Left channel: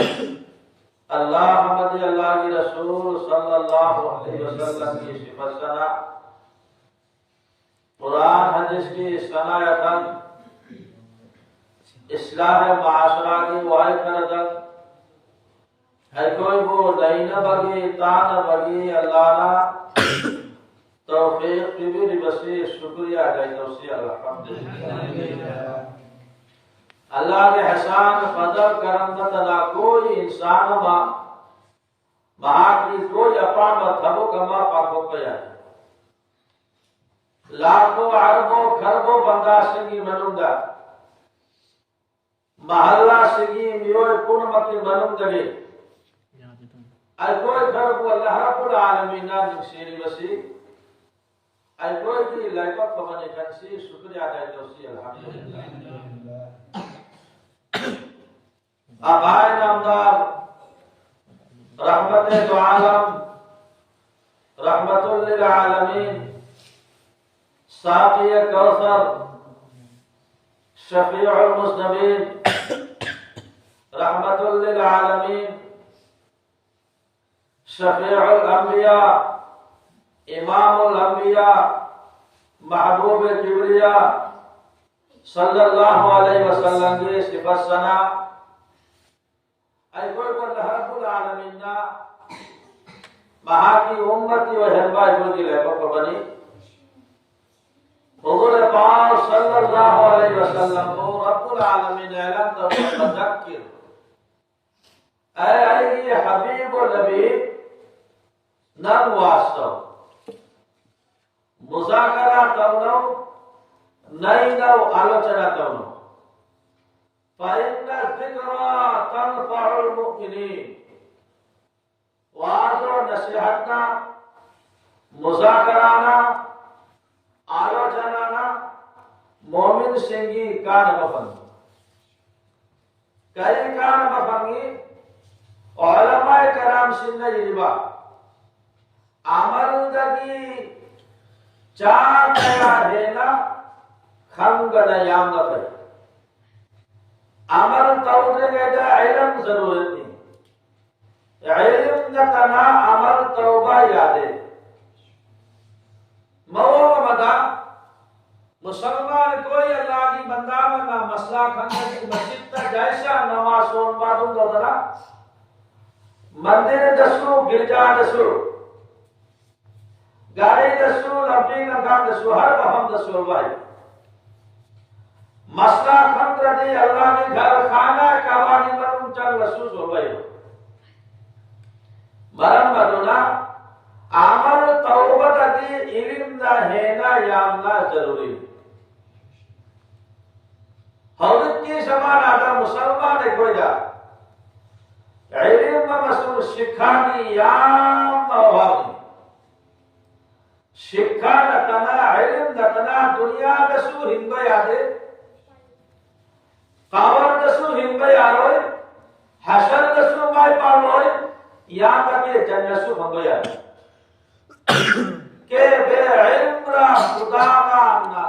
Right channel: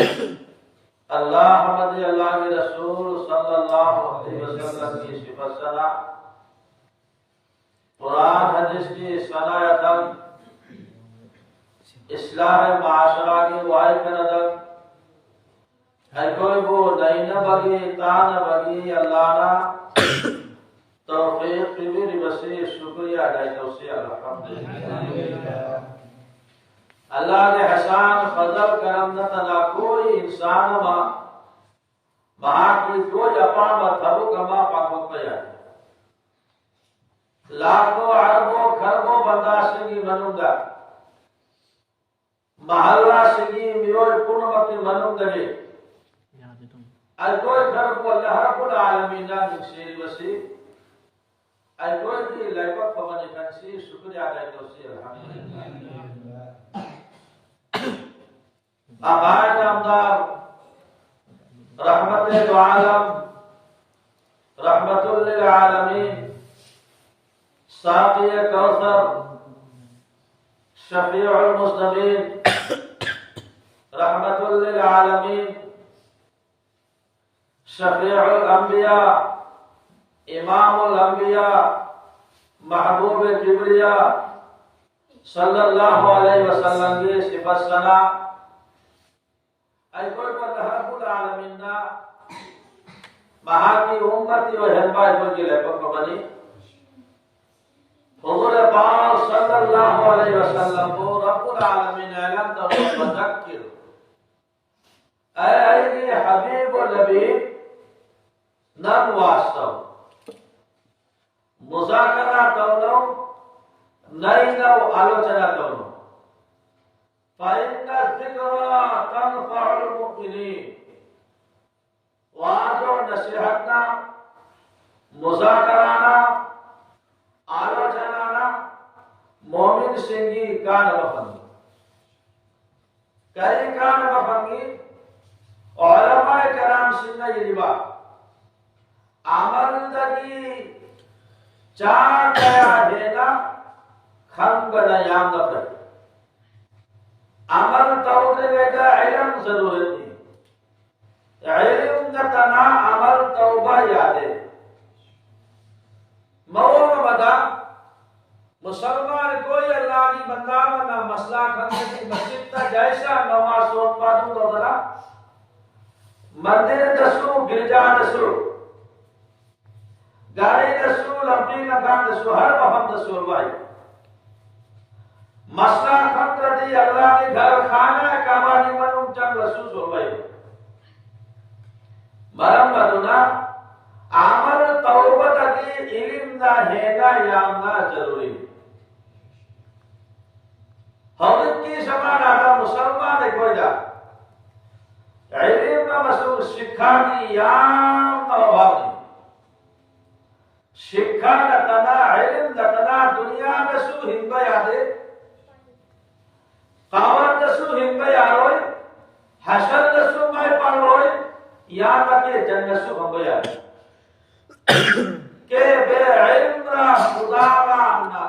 اللہ حمد اللہ کے رسول صلی اللہ علیہ وسلم کی صفت ثنا، قرآن حدیث کی ثنایتاً، اصلاح معاشرہ کی واحد کردن، ہے کوئی وہ نہیں نہ بگی تان بگی اللہ نا توفیق کبیر بسی شکریہ ادا توسی الحمدللہ۔ اللہ کے احسان فضل کرم نہ تنا کوئی انسان مہا کی کوئی اپان بتھبو کما پاکو پیا لاکھوں اربوں خربوں بندہ سگی منونگا محلہ سگی میوئے پورمکی منونگے ای کوئی خرب اللہ رب العالمین نکسیری بسی ای کوئی کی لائبت فمن کنسی شکریہ ادا توسی الحمدللہ۔ آبائی نامدار رحمت دو عالم رحمت للعالمین ساقی کوثر شفیع المذنبین رحمت للعالمین شفیع الانبیاء امام الانبیاء محبوب جبریہ صلی اللہ علیہ وسلم کی صفت ثنا ای کوئی کو اللہ رب العالمین نا مہا کی امتی و حربائی کو کی لے پکو بنی حضور پاک صلی اللہ علیہ وسلم کو رب العالمین اعلان تو مذکر اے حبیب و نبی نم واسطو مذاکرہ تونو نئی نو آلوچنا تونو فَإِنَّ الذِّكْرَى تَنْفَعُ الْمُؤْمِنِينَ واضح و نصیحتنا مذاکرانا آلوچنانا مومن سنگی کان بفنگی کئی کان بفنگی علماء کرام سنہ یجبا عمل دگی چاہ کیا دینا خنگڑ یام نفر عمل توبہ کا علم ضرورت نہیں، علم نتنا عمل توبہ یادے مول مدہ مسلمان کوئی اللہ کی بندہ نہ مسئلہ کھنگا کی مسجد تا جیسا نماز سون بادوں دو درہ مندر دسو گرجا دسو گاڑی دسو لبی نکان دسو ہر وہم دسو بھائی مسئلہ خطر دی اللہ کے گھر خانہ کعبہ کی مرم چند رسول ہوئے مرم مدونا عمل توبت دی علم دا ہینا یامنا ضروری حضرت کی زمان آتا مسلمان کوئی جا علم مسئول شکھا کی یام نوابی شکھا نتنا علم نتنا دنیا دسو ہنبا یادے قابر دسو ہنبے آروئے حشر دسو مائی پاروئے یا تک جنسو ہنبے آروئے کہ بے علم را خدا ماننا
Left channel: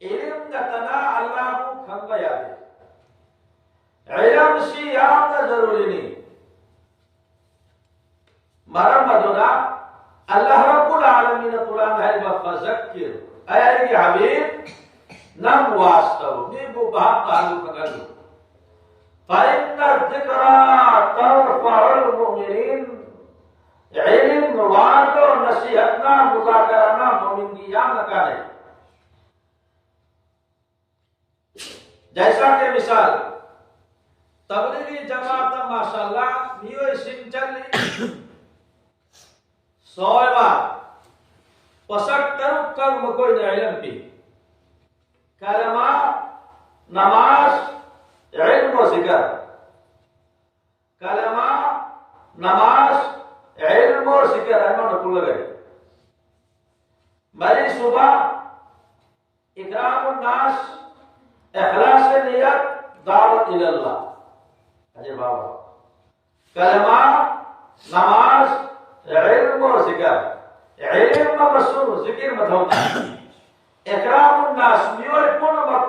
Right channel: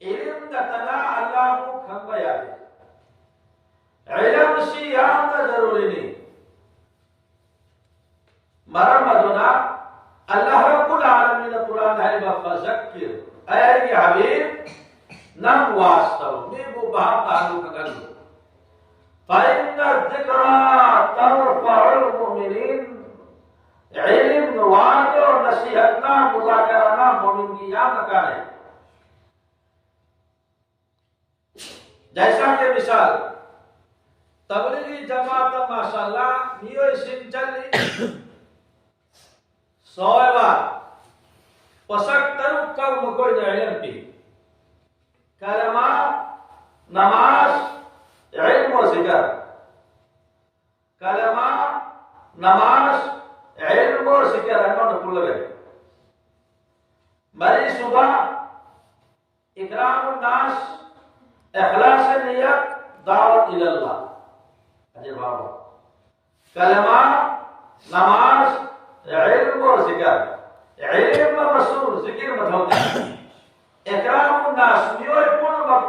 علم نتنا اللہ کو ہنبے آروئے علم سی آمنا ضروری نہیں مرمدنا اللہ رب العالمین قرآن ہے فذکر اے حبیب نم واسطو نیبو بہت تعلق کرلو فَإِنَّ الذِّكْرَى تَنْفَعُ الْمُؤْمِنِينَ علم نوازو نصیحتنا مذاکرنا مومن کی یا نکانے جیسا کہ مثال تبلیغی جماعت ماشاءاللہ نیو سن چلی سوئے بار پسک ترک کل مکوئی دا علم پی کلمہ نماز علم و ذکر کلمہ نماز علم و ذکر احمد نکل لگے مری صبح اکرام الناس اخلاص نیت دعوت الاللہ اجے بابا کلمہ نماز علم و ذکر علم و رسول ذکر مدھوتا اکرام الناس میوئے پون وقت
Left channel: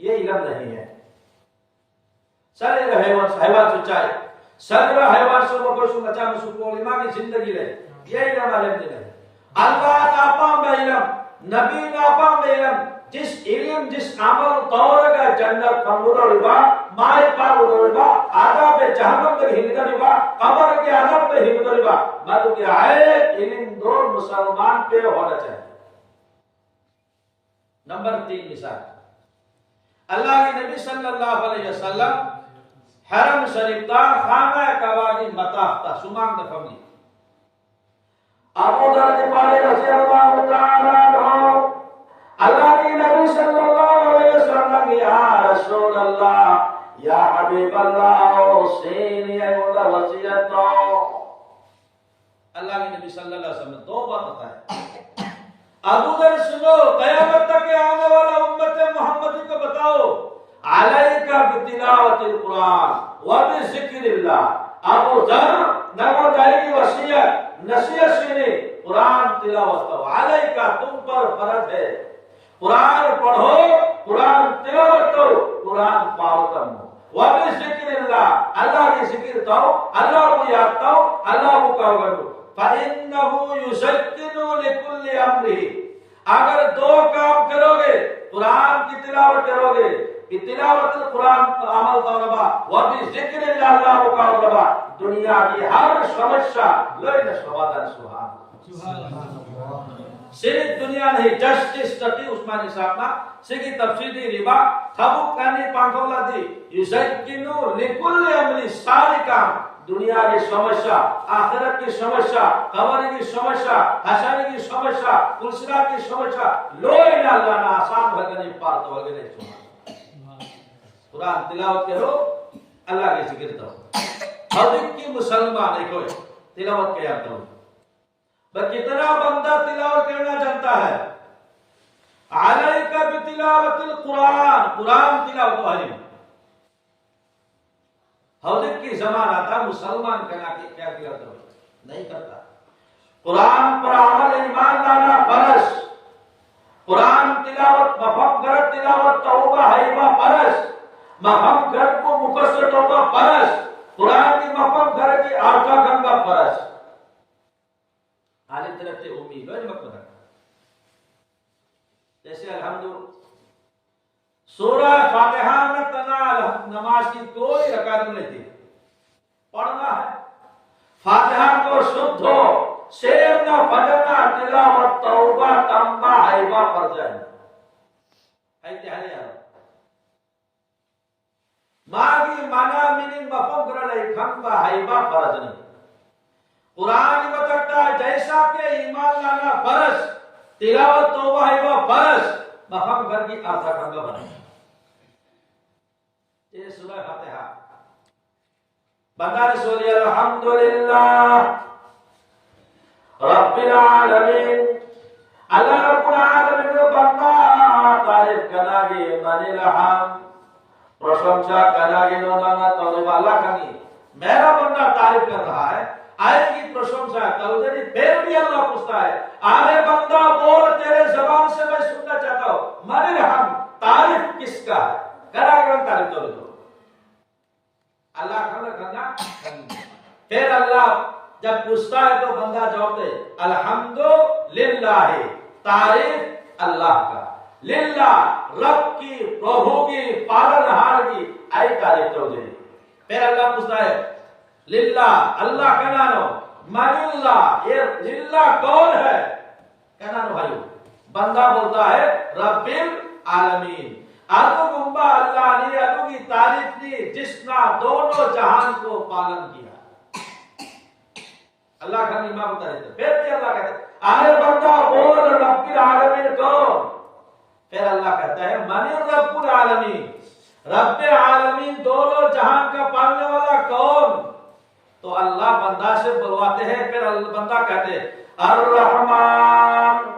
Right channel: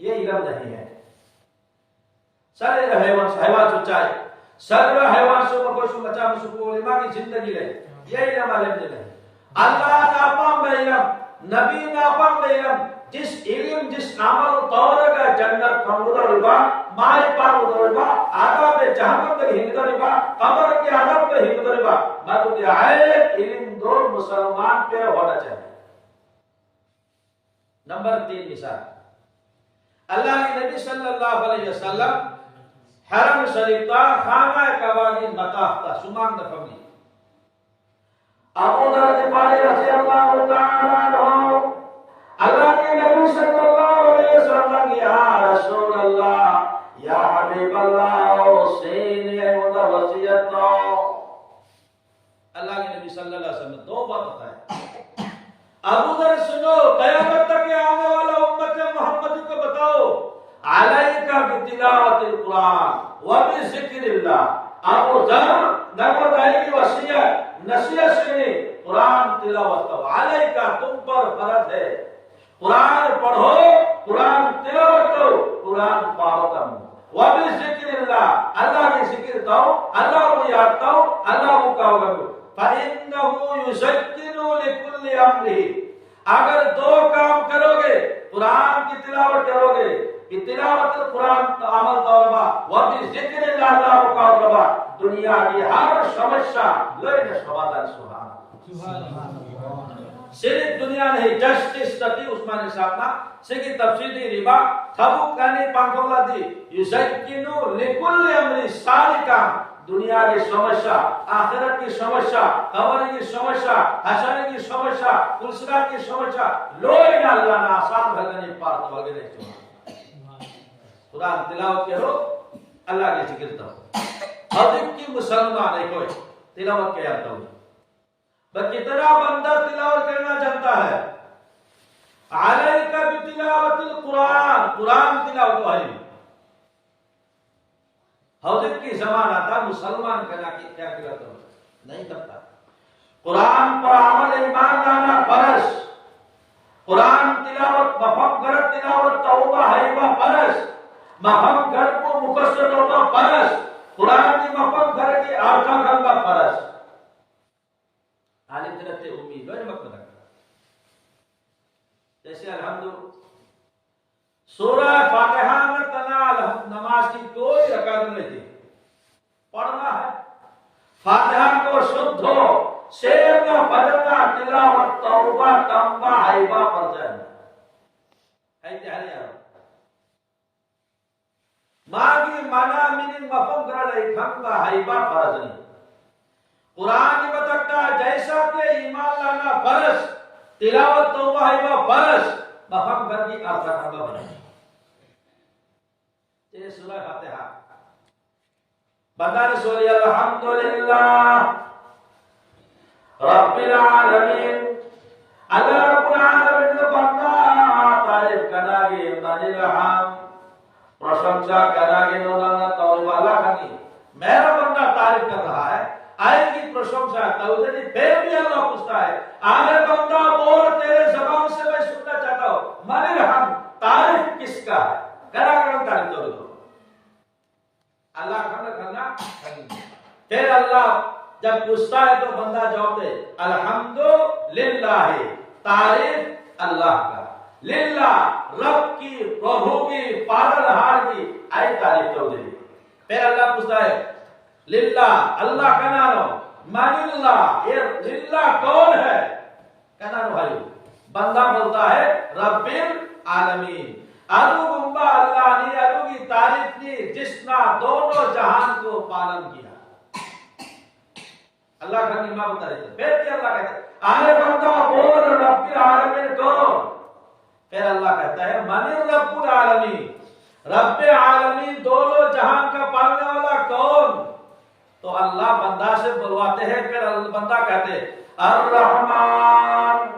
یہ علم نہیں ہے. سر حیوان سچائی سر حیوان سے مگر سو بچا میں سکو علماء کی زندگی لے یہ علم علم نہیں. اللہ ناپام بے علم نبی ناپام بے علم جس علم جس عمل طور کا جنت کمبودہ ربا مائے پاک ربا عذاب جہنم تک ہمت ربا قبر کے عذاب تک ہمت ربا میں تو کہ آئے علم دو مسلمان پہ ہونا چاہیے. نمبر 3 مثال اللہ کے نبی صلی اللہ علیہ وسلم حرم شریف تا خانہ کعبہ کی مطاف تا سمانگ دا فملی ابو ذر غفاری رضی اللہ تعالی عنہ اللہ کے نبی صلی اللہ علیہ وسلم یا رسول اللہ یا حبیب اللہ حسین ادھر وصیت اللہ کے نبی صلی اللہ علیہ وسلم نے 2 بات بتائے. ابو ذر سنو قیامت تک آنے والا امت محمد کو بتاؤ علیکہ بتلاوت القرآن وبذکر اللہ. ابو ذر نگو دائی کی وصیت نصیحت سنی قرآن تلاوت کرو علیکہ تم پر فرض ہے قرآن پڑھو قرآن تلاوت کرو قرآن پڑھو تم وبذکر اللہ اللہ کی ذکر کرو اللہ کو یاد کرو اللہ کو کہو کرو فَإِنَّهُ يُسَكِّنُ لِكُلِّ أَمْرِهِ. اگر 2 کام کرو گے قرآن کی تلاوت کرو گے تلاوت قرآن کا عمل طوربا وبذکر اللہ کو طوربا دنیا کی ہر سمسیا لئے سوادن سبحان اللہ. صرف دنیا نہیں جسٹس سٹی عثمانی صاحب نا سگی تفصیلی ربا تھبو کانی پانکولا دی یزکینو لکل امری ساری کام دنیا کی سمسیا آخرت کی سمسیا قبر کی سمسیا حشر کی سمسیا پلسرا کی سمسیا لوئی نہ اللہ نہ آسان بھگنی پارت وغیرہ چوہا قرآن تلاوت کرو اللہ کے ذکر دو حضرت کی مسلمان ہے کوئی تلاوت کیا دو کتنا بندہ تلاوت کرنا جانتا ہے علیکہ بتلاوت القرآن قرآن تلاوت والی حضرت کی زمان آتا مسلمان کہنا کہ کیا کرتا نہیں کرتا. قرآن پر عمل ایمان لانا فرض قرآن تلاوت مفہم غرط تلاوت توبہ حیبہ فرض مفہم غرط کو مقصد توبہ فرض قرآن کی مفہم غرط کی آرکا گنگا فرض عالم ترتے امید لوئے نمک بدک جیسے الحمدللہ سورہ فاتحہ میں تنا نماز کی کوئی رکعت نہیں تھی پڑھنا ہے فاتحہ کو شدھ ہو شیر نہ بجنا تلاوت توبہ تمبہ حیبہ پر جائنا ہے تیاری آرہا ماگی مانا منی مفہوم کرنے کھنبہ حیبہ فرض نہیں. قرآن کی بتکتا ہے جیسا کہ ایمان لانا فرض تلاوت توبہ حیبہ فرض مفہوم کر کی آرتا کھنبہ بنا یہ سورہ فاتحہ بندہ رسولی الحمدللہ رب العالمین اللہ رب العالمین بندہ تعریف کرنا گی منی رحم پرشنسا کرنا گی نونانا تولیب اللہ کھنی میرا بندہ تعریف کر رہا ہے آئے کی پرشنسا تولیدی پھر بھی اللہ پوچھتا ہے آنے بندہ بول تیرے زبان سے میں سننا چاہتا ہوں منی رحم تعریف کس کا ہے کرا کرا تعریف تو دو اللہ کھنا پھر اللہ جب پوچھتا ہے تو بندہ جواب دے الحمدللہ تعریف اللہ کا للہ رب کی پربھو کی پالنہار کی آئی تعریف تو دے. پھر اللہ پوچھتا ہے للہ اللہ کا نانو من اللہ یہ للہ کون ہے کا نانو بھائیو بندہ بولتا ہے رب العالمین ادو گمبا اللہ نے ادو کی تعریف نے جس نے دونوں جہان کو پالن کیا اللہ کا نیمہ بتا رہے تھے. پھر بھی اللہ کہتے ہیں آنے بندہ بول رب العالمین کون پھر اللہ کہتا ہے من رب العالمین رب العالمین دونوں جہان کا پالنے والا کون تو اللہ بندہ سے بلواتے ہیں. پھر بندہ کہتے ہیں الرحمن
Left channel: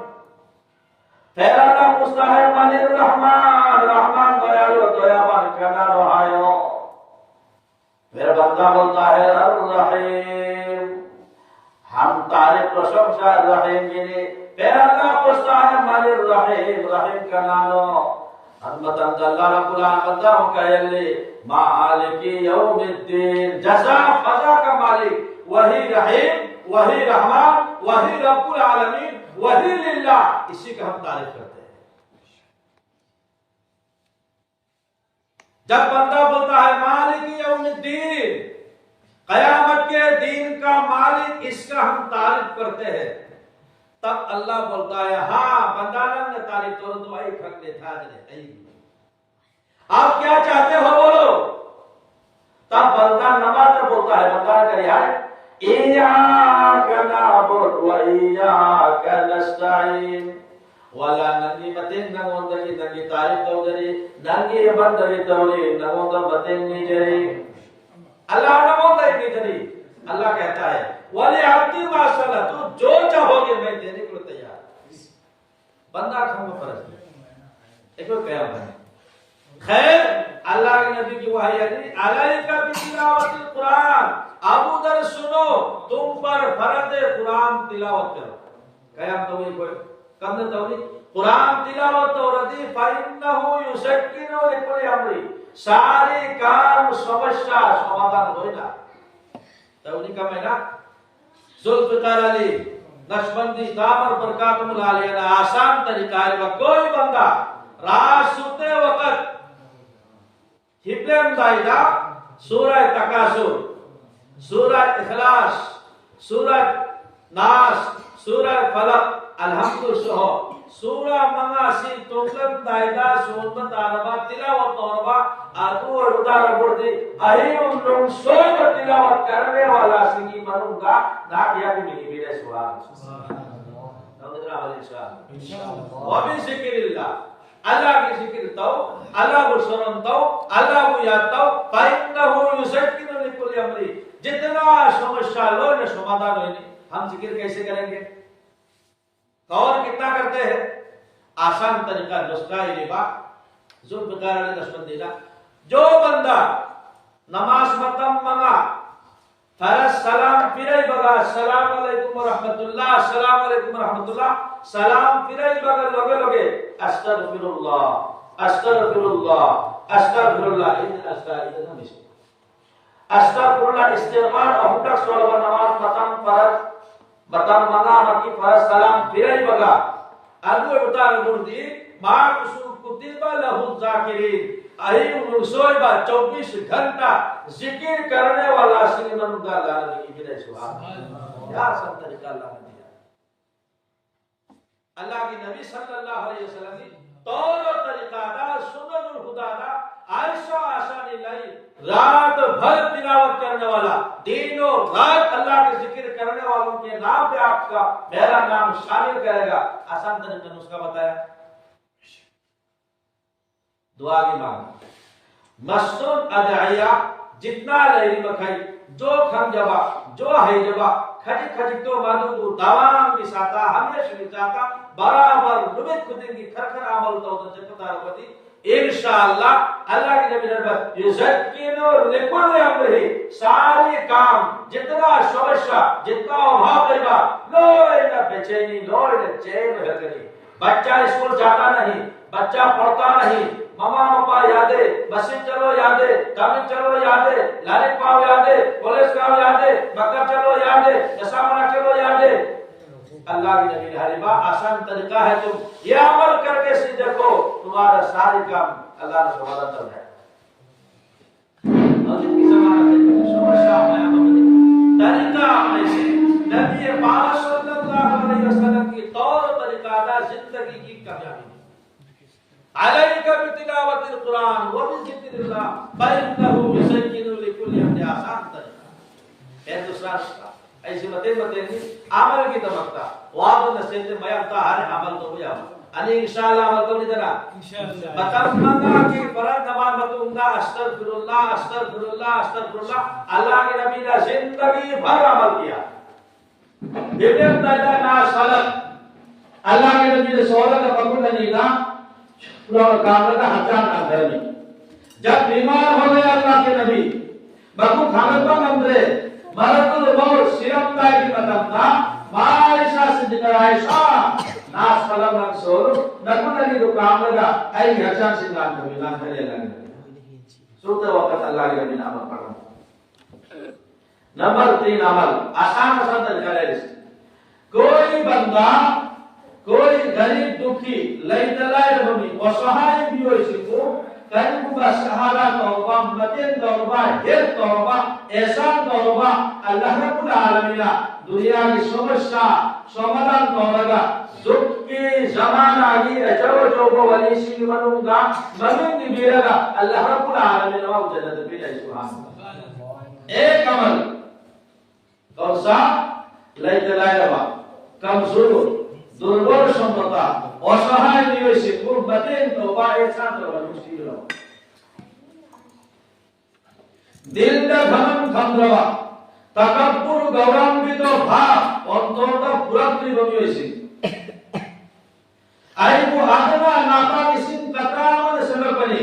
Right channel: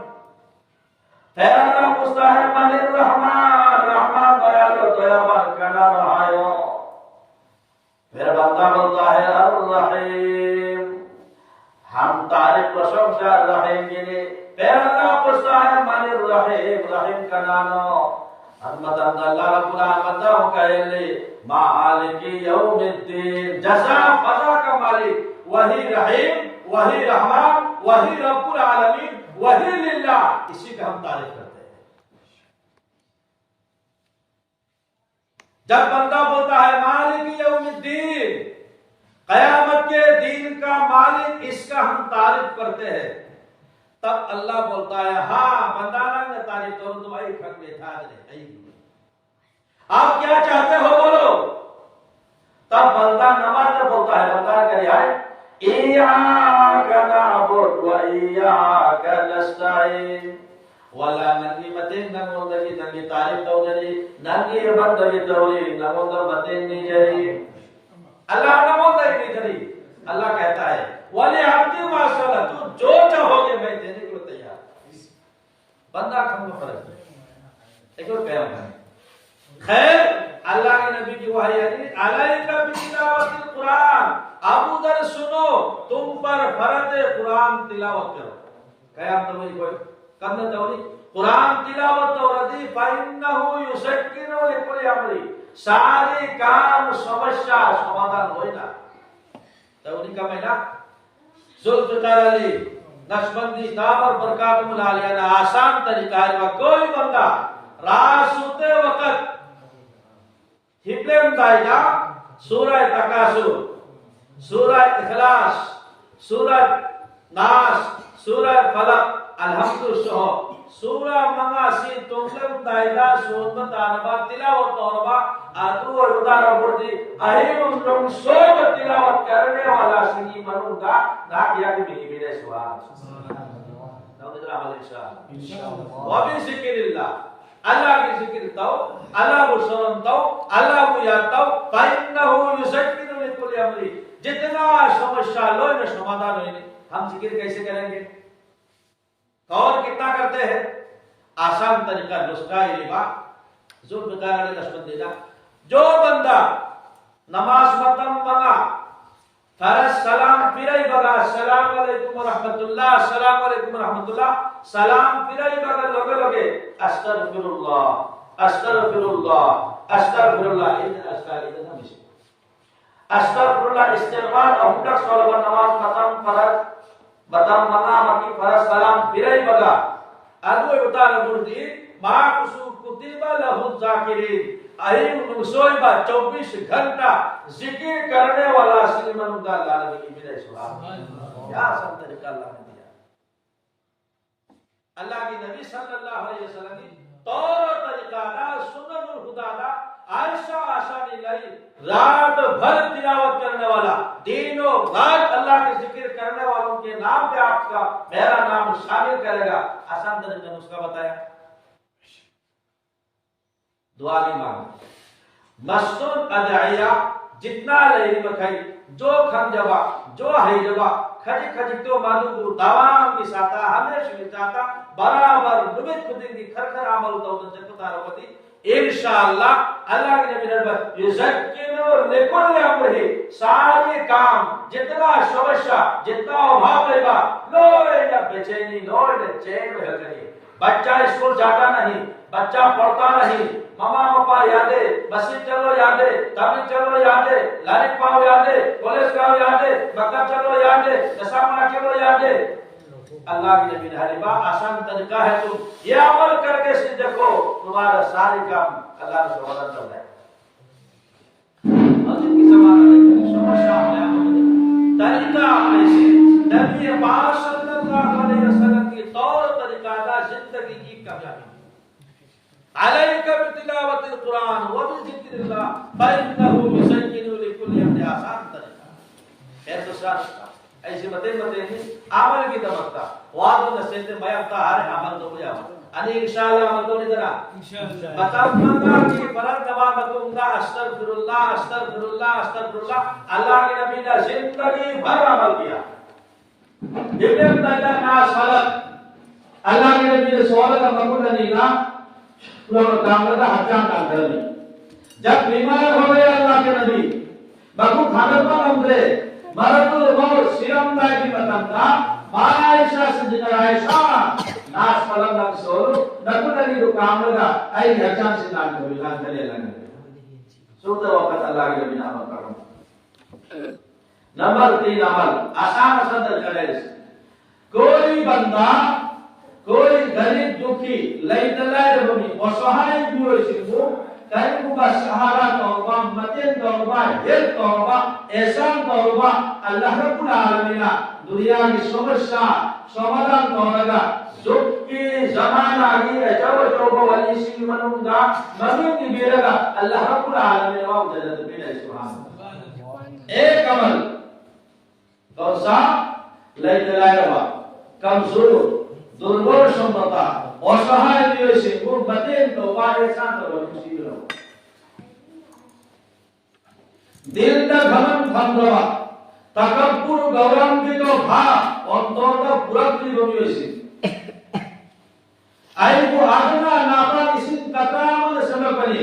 پھر اللہ پوچھتا ہے من الرحمن رحمان دیالو دیابان کنا رہایو پھر بندہ بولتا ہے الرحیم ہم تعریف پرشنسا رحیم گینے. پھر اللہ پوچھتا ہے من الرحیم رحیم کا نامو حضرت اللہ رب مالک یوم الدین، جزا فضا کا مالک وہی رحیم، وہی رحمان، وہی رب العالمین، وہی للہ، اسی کا ہم تعریف کرتے ہیں۔ جب بندہ بولتا ہے مالک یوم الدین، قیامت کے دین کا مالک، اس کا ہم تعریف کرتے ہیں، تب اللہ بولتا ہے ہاں بندہ نے تعریف کرو تو اے کھک لے تھا گرے، آپ کیا چاہتے ہو بولو۔ تب بندہ نماز میں بولتا ہے، بندہ کرے یار ایاک نعبد و ایاک نستعین، والا ننگی متین نگوندگی ننگی تعریف دو جری، ننگی بندگی دوری نگوندر متین نہیں جری، اللہ نگوندگی نہیں جری۔ اللہ کہتا ہے ولی عبدی ما سأل، تو جو چاہو گے میں دینے کے لیے تیار۔ بندہ کھم کو فرض ایک قیام ہے۔ خیر، اللہ کے نبی کی وحی علیکہ بتلاوت القرآن، ابو ذر سنو تم پر فرض قرآن تلاوت کرو۔ قیام تو وہی کوئی کم نے توری قرآن تلاوت تو ردی فإنہ یسکن لکل امری، سارے کام سمسیا سمادھان ہوئی نا توری کا میں نا۔ ذوالفقار علی نقشبندی دامر برکاتم العالیہ نا آسان طریقہ ہے، کوئی بندہ رات سوتے وقت ہبلم دائدہ سورہ تکاثر، سورہ اخلاص، سورہ ناس، سورہ فلق، الحمد شہو، سورہ منگاسی تنگلم دائدہ سورت آربا تلاوت آربا آدھو اردار بردی اہیم لنگ سوئے با تلاوت کرنے والا سنگی منوں گا ناکیا کی ملی میرے سوال وابی ذکر اللہ، اللہ کی ذکر تو، اللہ کو سرن تو، اللہ کو یاد تو، فَإِنَّهُ يُسَكِّنُ لِكُلِّ أَمْرٍ، جتنا سمجھا لوئے نے سمادھان ہوئے نہیں۔ ہم ذکر کیسے کریں گے؟ اور کتنا کرتے ہیں؟ آسان طریقہ نسخہ ربا ذوالفقار علی نقشبندی، جو بندہ نماز متم منگا فرض سلام پھرائی بگا السلام علیکم ورحمت اللہ، السلام علیکم ورحمت اللہ، سلام پھرائی بگا لگے لگے استغفر اللہ استغفر اللہ استغفر اللہ استغفر اللہ استغفار احمد صلی اللہ نماز متم فرض متم منگا مکی فرض سلام پھرائی بگا ادو اتار بردی ما کسو کتبہ لہو الذاکرین، اہیم نسوئی با 24 گھنٹہ ذکر کرنے والا سلیمان اللہ علیہ میرے سبحان، کیا آسان طریقہ اللہ نے دیا۔ اللہ کی نبی صلی اللہ علیہ وسلم کی طور و طریقہ دا سنن الخدا دا ایسا آسانی لائی، رات بھر تلاوت کرنے والا، دن و رات اللہ کے ذکر کرنے والوں کے نام پہ آپ کا میرا نام شامل کرے گا۔ آسان طریقہ نسخہ بتایا، دعا کی مانگ مستون ادعیہ جتنا لیلی مکھائی جو کھم جبا جو ہے جبا کھجی کھجکتو مادو کو دوام کی ساتا ہمیشہ کی چاہتا برابر نمت خودن کی کھر عمل تو جپتا رکھتی انشاءاللہ۔ اللہ کی نبی نربت یزکنو لکل امرہی، سارے کام جتنا شوشہ جتنا ابھاؤ دیگا لوئے نہ بچینی لوئے نہ چین رہ گئی۔ بچہ اسکول جاتا نہیں، بچہ پڑھتا نہیں، ماما پاپا یادے، بسی چلو یادے، تبھی چلو یادے، لالک پاؤ یادے، پولیس کاؤ یادے، مکہ چلو یادے، نسامنا چلو یادے۔ اللہ کی نبی حریبہ آسان طریقہ ہے، تم یہ عمل کر کے سی دیکھو تمہارا ساری کام اللہ نے سوالہ کر رہا ہے۔ اور جن کی زمانہ دیکھا ہے شمر شاہ میں طریقہ ایسے نبی پاک صلی اللہ علیہ وسلم کی طور طریقہ دا زندگی کی کامیابی علیک بتلاوت القرآن وبذکر اللہ فإنہ یسکن لکل امر، آسان طریقہ ہے۔ دوسرا نسخہ ایسی بتیں گی عمل کی دمکتا وعد و نصیحت میابتا ہر عمل تو ہویا انی انشاءاللہ عمل تو نہیں دینا بتاؤں منگا کہ فرد نماز بتوں گا استغفر اللہ استغفر اللہ استغفر اللہ۔ اللہ کے نبی نے زندگی بھر عمل کیا، ببن اللہ ناس خلق، اللہ کے نبی نے سوالہ کا مقبول نہیں نا لوگ کامل کا حجان کام کر لی۔ جب بیمار ہو گئے اللہ کے نبی بکو کھانت پر نمبرے مرد الموت سرم دا کی مطلب تھا عائشہ صدیقہ عائشہ ناس فلم نقصور نکو نبی کو کام لگا ای حجان سے نام کبھی لان کلے لگا سوتے وقت اللہ کے نبی نے عمل پڑھنا. نمبر 3 عمل آسان سندر کرے. کوئی بندہ کوئی غریب دکھی لئی دلائر بمی وصحائی بیوئی سکو کہیں با سہارا توبہ مدین توبہ ہر توبہ احسان توبہ اللہ رب العالمین دنیا کی سمرشا سمران توبہ دکھ کی زمان آگی ہے جو کو ولی سی منوں گا مدین کی بیرگا اللہ رب العالمین واب جنت پیلے سبحان. ایک عمل کون سا لئی دلائر با کمزور দুর্বল সম্পদা অসহায় নিয়েছে গুরবাতেন তওবা এহসান তওবা মুসিবত হলো দিলটা ঘমন থামরা তাকাব্বুর গৌরবান্বিত ভাব অন্তরটা পুরাতনি বনিয়েছে আইবু আদনা নাফাকিসিন কাতারাম সমকনি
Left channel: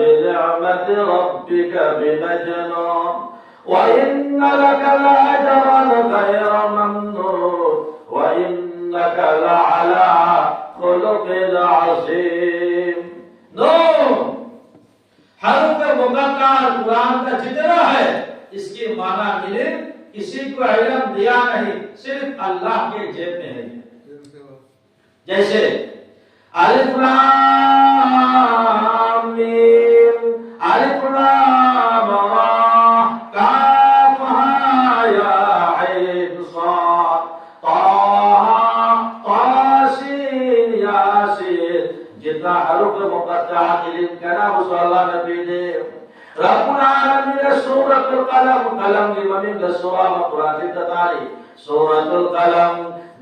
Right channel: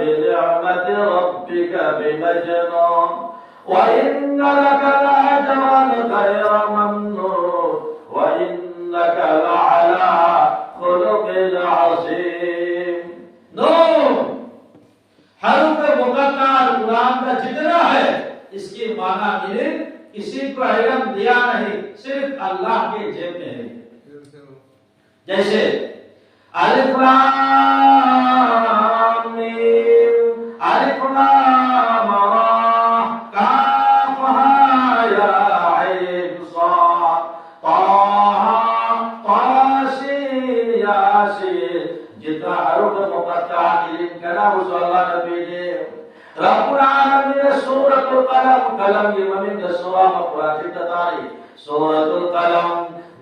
بنعمة ربك بمجنون وإن لك لأجرا غير ممنون وإنك لعلى خلق عظيم. نون حروف مقطع قرآن کا جتنا ہے اس کی معنی ملے کسی کو علم دیا نہیں صرف اللہ کے جیب میں ہے. جیسے الف لام میم الف لام را کاف ہا یا عین صاد طه سین یاسین. جتنا حروف مقطع علم کرا اس اللہ نبی نے رب العالمین سورۃ القلم قلم کی معنی ہے سورہ قرآن کی تعریف سورۃ القلم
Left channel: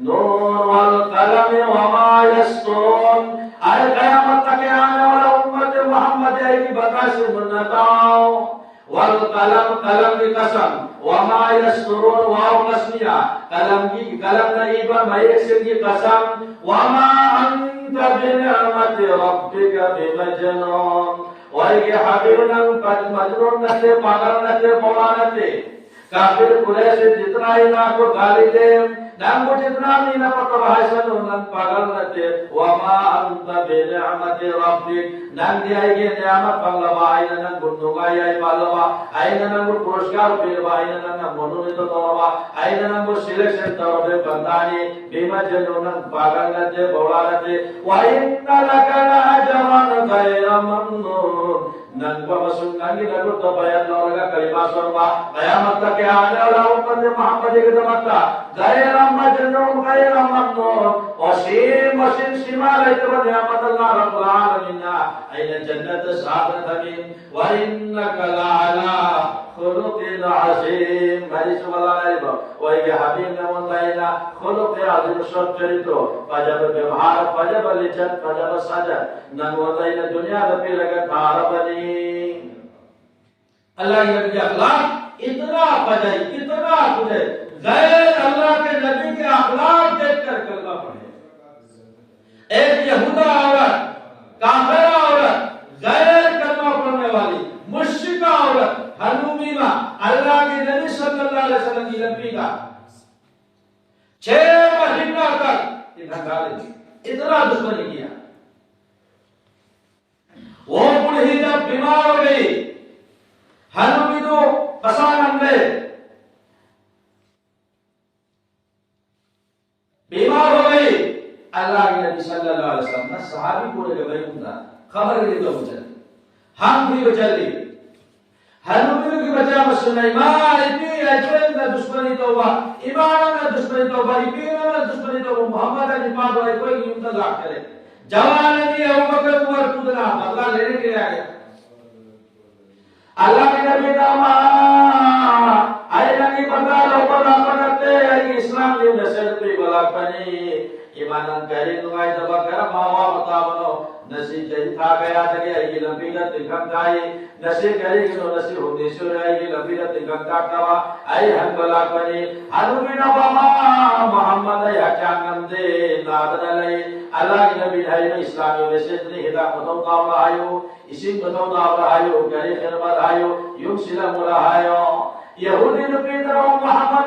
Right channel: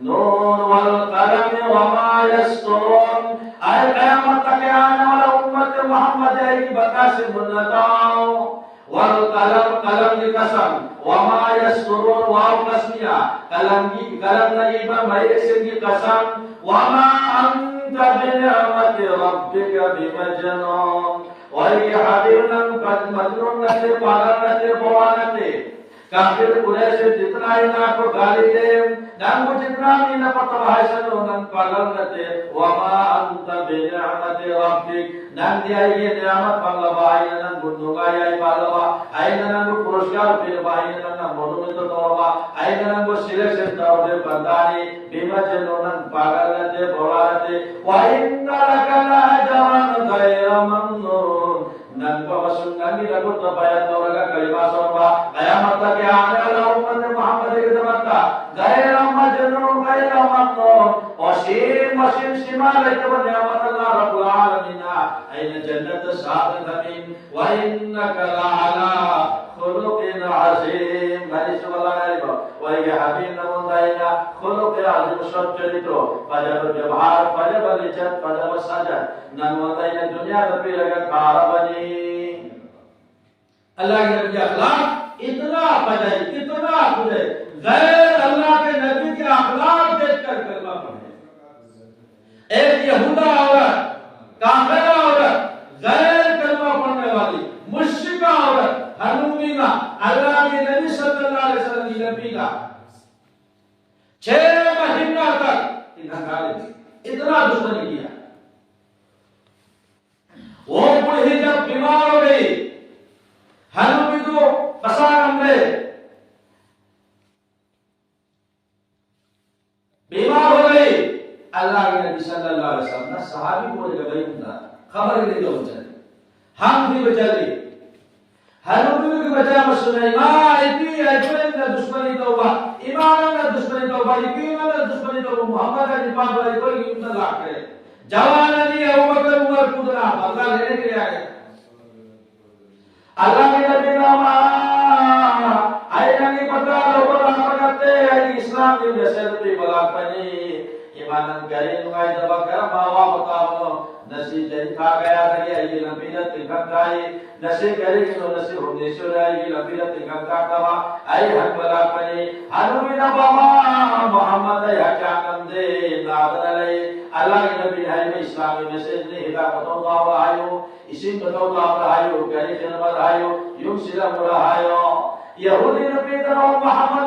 نون والقلم وما يسطرون. آئے قیامت تک آنے والا امت محمد کی بتا سے منتاؤ. والقلم قلم کی قسم وما يسطرون واو قسمیہ قلم کی قلم نہیں پر مریسر کی قسم وما انت بنعمت ربک بمجنون. وہی حبیرنا مجنون نتے پاگل نتے بوڑا نتے کافر قریش جتنا ہی نا کو گالی دے نام کو جتنا بھی نہ پتہ ہے سن نن پاگل نتے وما انت بنعمت ربک نان دیا یہ نعمت بنگلا بھائی نن گندوگا یہ بالوا ائی نن کو پرسکار پھر بھائی نن منو نے تو دوا ائی نن کو سلیکشن تو بے بندانی بیما جنون پاگل نتے بوڑا نتے وان لک لاجرا غیر ممنون. نن کو مسن نگی نگو تو بیان اورگا کلمہ سنوا قیامت تک آنے والا امت محمد کی خدمت کا غیر مجنون غیر ممنون وسیم وسیم سما لیت نعمت اللہ رب العالمین این جنت صاحب الحمیم وانک لعلی خلق عظیم. حدیث اللہ علیہ وہی حبیب نمون دائنا خلق عظیم شب چریتو فجب بیوہار فجب لچت فجب سجد نمون دائنا دنیا دپی لگا کھارا بنی. اللہ کے نبی کے اخلاق اتنا بجائی اتنا بجائی غیر اللہ کے نبی کے اخلاق دیکھ کر کلمہ پڑھے. ایک یہودہ عورت کافرہ عورت غیر کلمہ پڑھنے والی مشرکہ عورت حنومیمہ اللہ کے نبی صلی اللہ علیہ وسلم کی نبی کا 6 مہینہ تک اتنا دشمنی کیا. وہ بڑھی جب بیمار ہو گئی حنومی تو پسان اندے بیمار ہو گئی. اللہ کے نبی صلی اللہ علیہ وسلم نے صحابی کو لے گئی ہوتا خبر لے جو بچے ہم بھی بچے حنومی کی بچہ سلیمان اتنی اجمل نے دشمنی توبہ ایمان نے دشمنی توبہ ایمان نے دشمنی توبہ محمد نے پاک والی کوئی انتظار کرے جوان نہیں ہے ابوبکر عمر خودنا بدلہ لینے کے لیے آئے. اللہ کے نبی نامہ آئے نبی بدلہ لوبر آمدتے اسلام کی نسل پہ بلاک بنی imanan kari nungai daba kara bawa betawano nasi jadi kaya dari ayi lampiran tingkat kaya nasi kari kino nasi hunisur ayi lampiran tingkat kaya ayi hanbala pani hanumina bama Muhammad ya jangan de nabanalai Allah nabi hai Islami message ni hida batau dawa ayo isim batau dawa ayo kari kena ayo yung sila mula ayo Yahudi nabi dalam Muhammad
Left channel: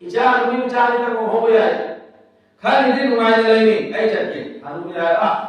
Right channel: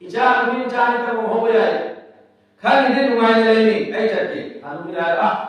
Icara kami mencari tamu hobi ay. Kan ini rumah ini ay cakap. Anu bilang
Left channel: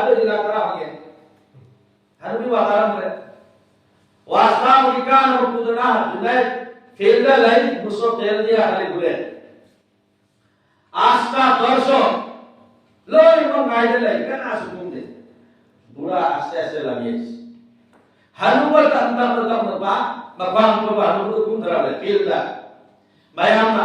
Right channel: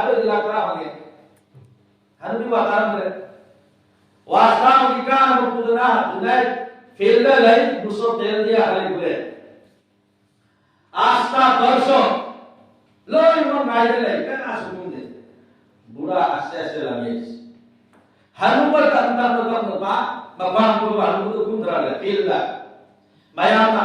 ada di lakra hoge hanu bataram re wasta mudikan mutudana junaid khela lai muso tel dia hale gure asta tarso loi mon gaide lai kana sumum de bura aste aste lagi hanu ba tanta program ba mabang ko ba hanu kum dara le khela mayamna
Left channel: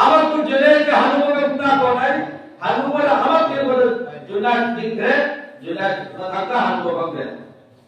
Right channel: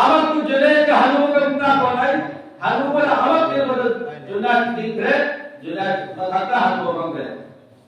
awak tu junaid ka hanu ka guna ko nai hanu par awak ke bol junaid dingre junaid nakaka hanu ko bangre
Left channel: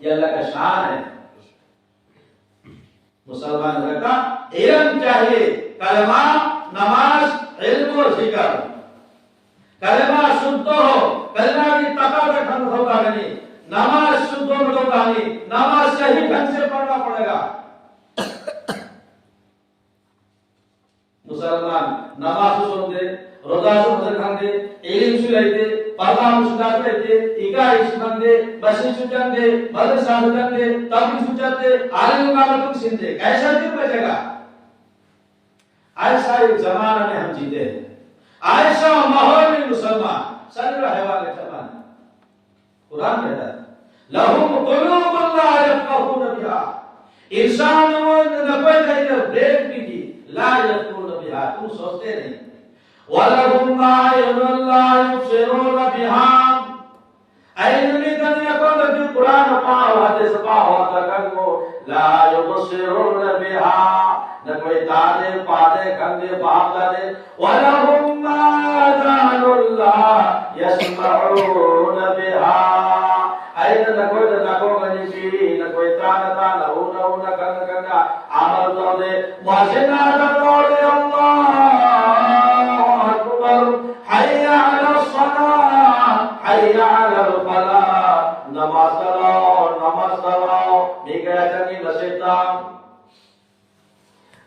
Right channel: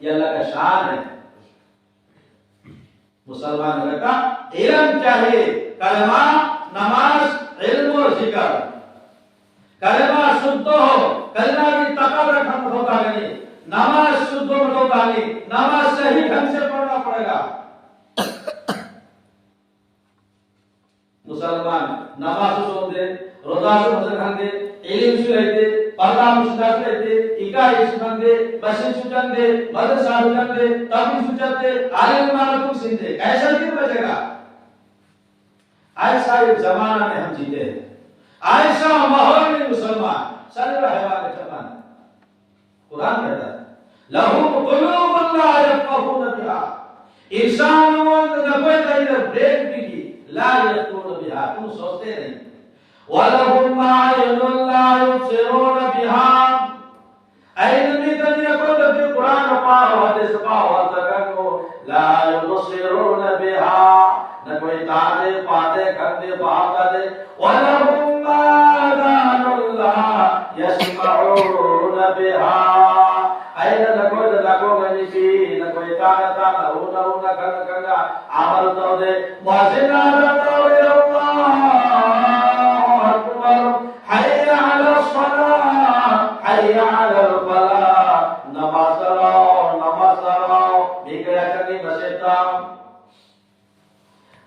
یہ اللہ کا شان ہے. مسلمان کا علم چاہیے، کلمہ، نماز، علم و ذکر. کلمہ شدھ ہو، کلمہ کی تقاضا ختم ہوتا نہیں، نماز شدھ ہوتا نہیں، نماز صحیح ڈھنگ سے پڑھنا پڑے گا. مسلمان نماز سوندے، روزہ سوندے، علم سوندے، پردہ مشکل سوندے، اکائی سوندے، بسی سوندے، مدرسہ سوندے، تبلیغ سوندے، عالم معلوم سوندے. کیسا کیوں بچے گا؟ ایسا ایک زمانہ میں ہم جیتے ہیں، ایسا ماحول میں مسلمان سر حیوان کے زمانے. قرآن کہتا ہے لَهُمْ قُلُوبٌ لَا يَفْقَهُونَ بِهَا. انسانوں نے کوئی کہیں بریک بھی کی لا يَفْقَهُونَ بِهَا، تم سوچتے نہیں. وَلَهُمْ أَعْيُنٌ لَا يُبْصِرُونَ بِهَا. علم دنیا کو کہ قرآن پڑھو، حدیث پڑھو، ترکو لا يُبْصِرُونَ بِهَا، نہ کوئی تانے پاتے کھنگے بہادر. وَلَهُمْ آذَانٌ لَا يَسْمَعُونَ بِهَا. اینا نہ کوئی گنی کی، نہ کوئی تانا تانا ہونا کنگا عمل کر دے. وَجِنَا دَوْلِ اللَّهُ أَكْبَرُ حَيَّ عَلَى الصَّلَاةِ حَيَّ عَلَى الْفَلَاحِ. نماز پڑھو بگڑا چنگی نشیطام.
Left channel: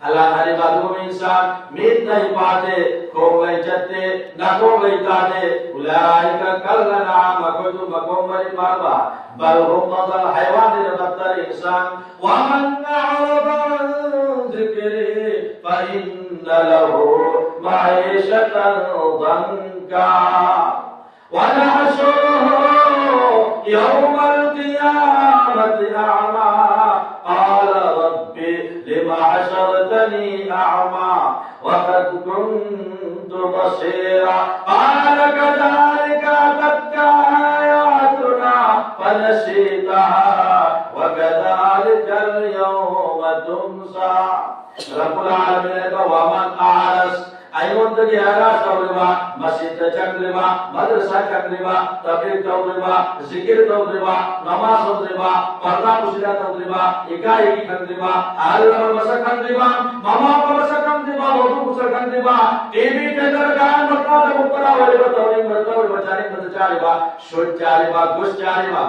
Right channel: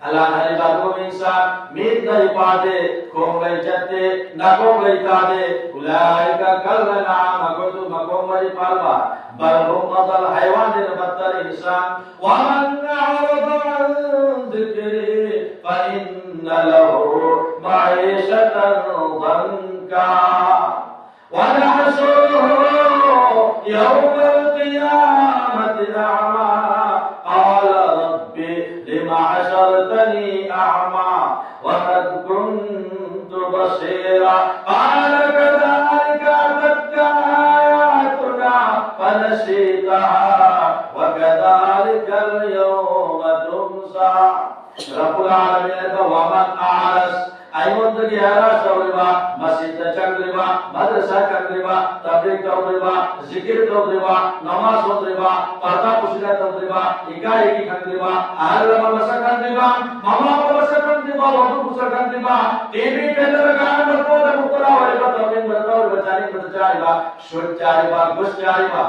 اللہ ہری باتوں میں انسان مید نہیں پاتے، کو گئی چتے نہ کو گئی تاتے. اولئک کالانعام، کوئی تو مقوم بری پاربا بل هم مثل حیوان بدتر انسان. ومن اعرض عن ذکری فإن له معیشة ضنکا ونحشره یوم القیامة اعمی قال رب لم حشرتني أعمى وقد كنت بصيرا قال كذلك أتتك آياتنا فنسيتها وكذلك اليوم تنسى. رب العالمين ومن أعرض ایمون تکی حیرات تولیبا، مسجد چندلیبا، مدرسہ چندلیبا، تبلیغ تولیبا، ذکر تولیبا، نماز تولیبا، پردہ پوشیدہ تولیبا، اکائی کی کھندلیبا، اہل مسا کھندلیبا، ماما مسا کھندلیبا، وضو مسا کھندلیبا، ٹی وی ٹیلر گان مطلب مقرہ ولیبا، تولیب مرتاوی بچانی مدچاریبا، شوٹ چاریبا، گوشت چاریبا.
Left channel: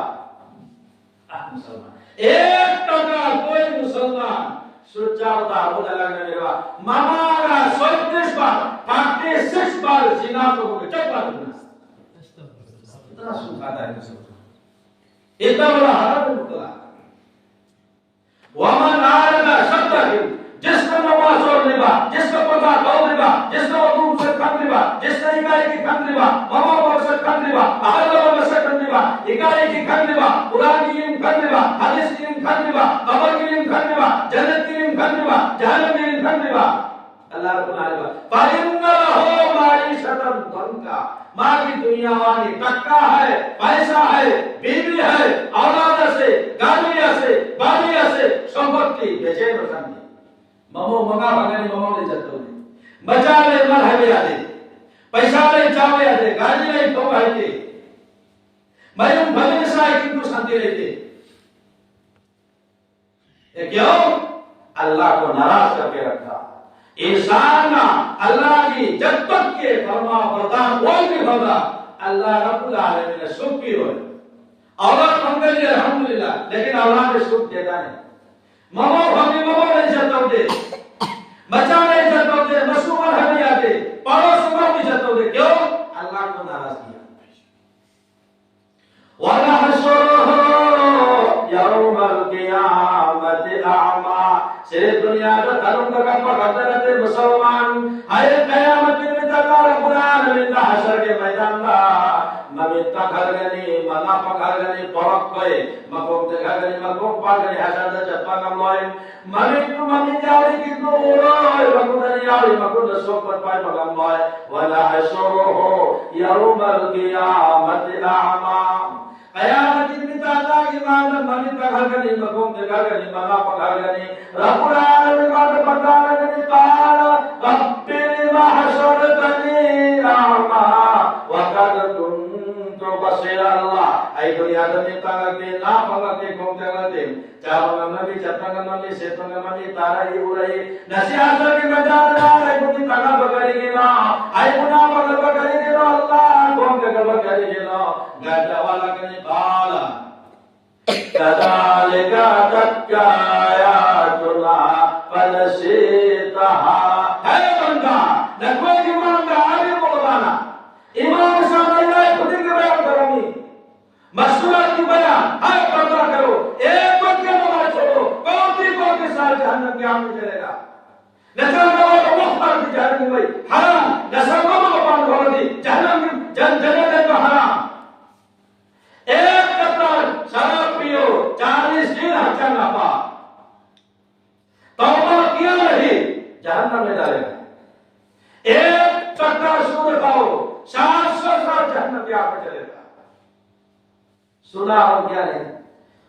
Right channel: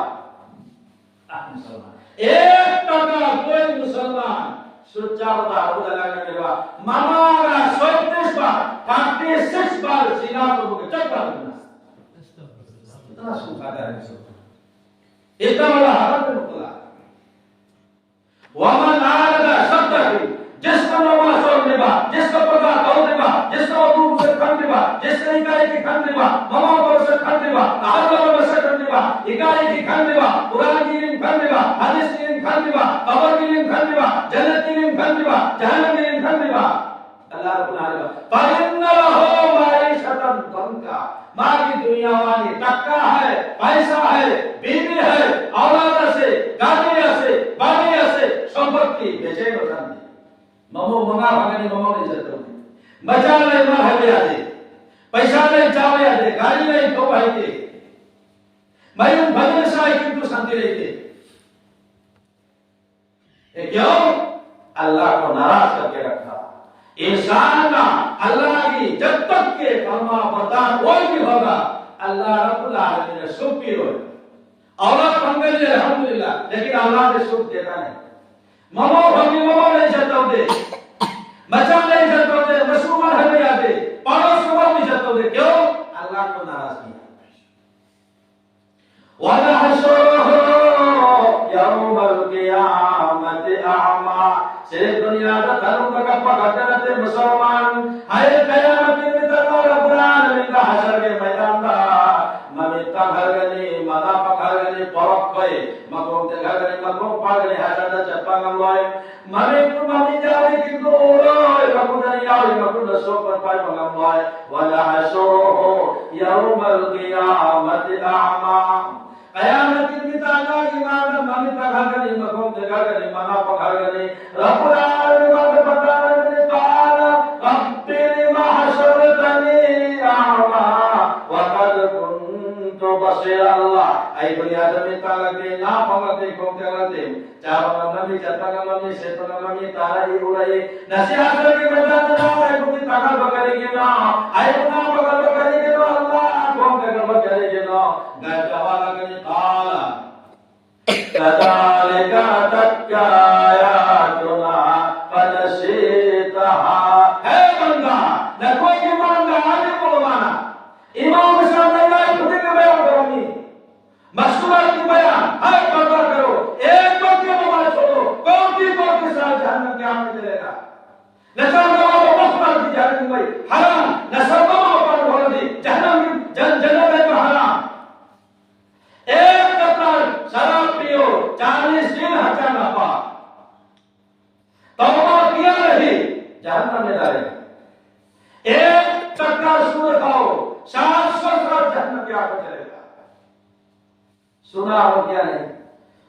ایک ٹکا کوئی مسلمان سچا ہوتا ہے وہ لگنے لگا. ماما کا 36 بار 36 بار زنا کو چکا دیا. اتنا سکھاتا ہے مسلمان، اتنا بڑا حرام مطلع. ومن عارض شبہ، جس کا نماز چھوڑنے با، جس کا پردہ توڑنے با، جس کا وضو سے کھانے با، جس کا اکائی کی کھانے با، ماما کو سے کھانے با، اہل کو سے کھانے با، اکائی کی کھانے با، قرآن کی علم کھانے با، حدیث کی علم کھانے با، قبر کی علم کھانے با، جنت کی علم کھانے با، جہنم کی علم کھانے با. اللہ رب العالمین فَإِنَّ لَهُ مَعِيشَةً ضَنْكَا. ماں کی دنیا وانی ٹکا ہے، پیسہ ہے، بیوی ہے، اولاد سے، گاڑیاں سے، باڑیاں سے، صحبت کی بے چین ہو جاتی. ممو منگا بھگنی ممو نہیں جاتا ہوتی، بچا نہیں مر ہے آدھے، پیسہ نہیں چاوے آدھے، گاڑی نہیں تو ہے کہ میں بھلے سائے کتنو شانتی رہتے. کیوں؟ اللہ کو ناراض کر کے رکھتا. انسان اللہ کی جب تک کے فرما بردار کوئی بھی ہوگا اللہ رب العالمین نے سکھ کی ہوئے. اولاد منگل الحمدللہ، لیکن اولاد نے سکھ دیتا نہیں. ممو بھگی ممو نہیں جاتا ہوتے، بچہ نہیں جاتا ہوتے، مسلمان ہمیں آتے، پڑوس میں نہیں جاتا ہوتے. کیوں؟ اللہ کو ناراض کیا. وَنَحْشُرُهُ يَوْمَ الْقِيَامَةِ أَعْمَى. صرف دنیا کا دھرم کا کپا کرتے رہتے مسلمان. ہائے قیامت میں تکار قرآن ملتا حشر کے میدان دا ممیتا گھر گنی منا پا گھر گنی پرک گئے مقوم دے گھر گنی مقوم پا گنی حشر دا چپا گم لوئے ممیتو ممی جاوی کی تو اوڑوئے مقودنی آوی مقود سوکت پائی مگم لوئے. وَنَحْشُرُهُ يَوْمَ الْقِيَامَةِ أَعْمَى. قیامت کی بھی تعالیٰ کی ماندہ مامی کا گھر گنی مقوم دے گھر گنی منا پا گھر گنی. رب العالمین وقت بردارنی قال رب لما حشرتنی اعمى وقد كنت سے یا اللہ ای دنیا دمی تاگتے نا پاگتے کھوکتے گتے چاپا نمی چپا نمی سیپا نمی تارا ہی اڑائی نسی آسر کی رجات دار ای بکی تاگا بکری گنا ای بنا بکر بکری گنا اللہ کھوکتے گر بکری گنا گھر جوالا کنی قالا كذلك أتتك آياتنا فنسيتها ہے بندہ نہ کوئی ایمان کا آگے بولوانا امام صاحب اللہ خودی کے بیان کرمی مشورہ کی بیان ہر پتہ کرو ایک وقت کے نماز چھوڑو کون بھی وقت کے ساتھ جہنم کے آمنے چلے گا نسل کو مختار کی جہنم کی حرام نسل کو مختار کی جہنم جنت ہے جو حرام ایک قطر شراب پیو 40 دن ہچا نہ پا توبہ کیا نہیں جہنم میں ڈالے ایک چکر سور کھاؤ 700 سال جہنم میں آپ چلے گا سنا ہو کیا نہیں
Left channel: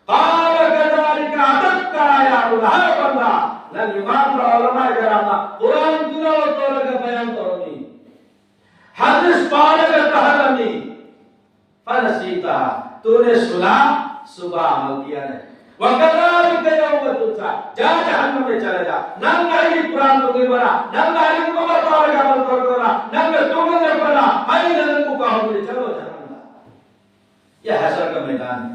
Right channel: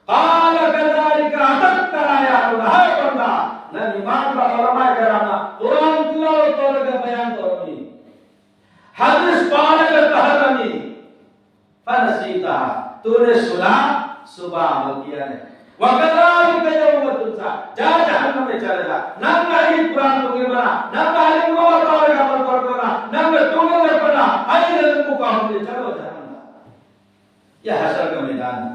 قال كذلك أتتك آياتنا ہے بندہ نہ ایمان کا علماء کرانا قرآن تلاوت کا بیان کرنی حدیث پڑھنے کا تحرمی فنسیتها تو نے سنا صبح عمل کیا نہیں وَكَذَلِكَ يَوْمَ تُنْسَى جا جہنم میں چلے گا ننگا ہی قرآن تمہیں بنا ننگا ہی مبارک عمل کرنا ننگا تمہیں در بنا آئی نظر کو کہوں گے چلو جہنم یہ حشر کا میدان ہے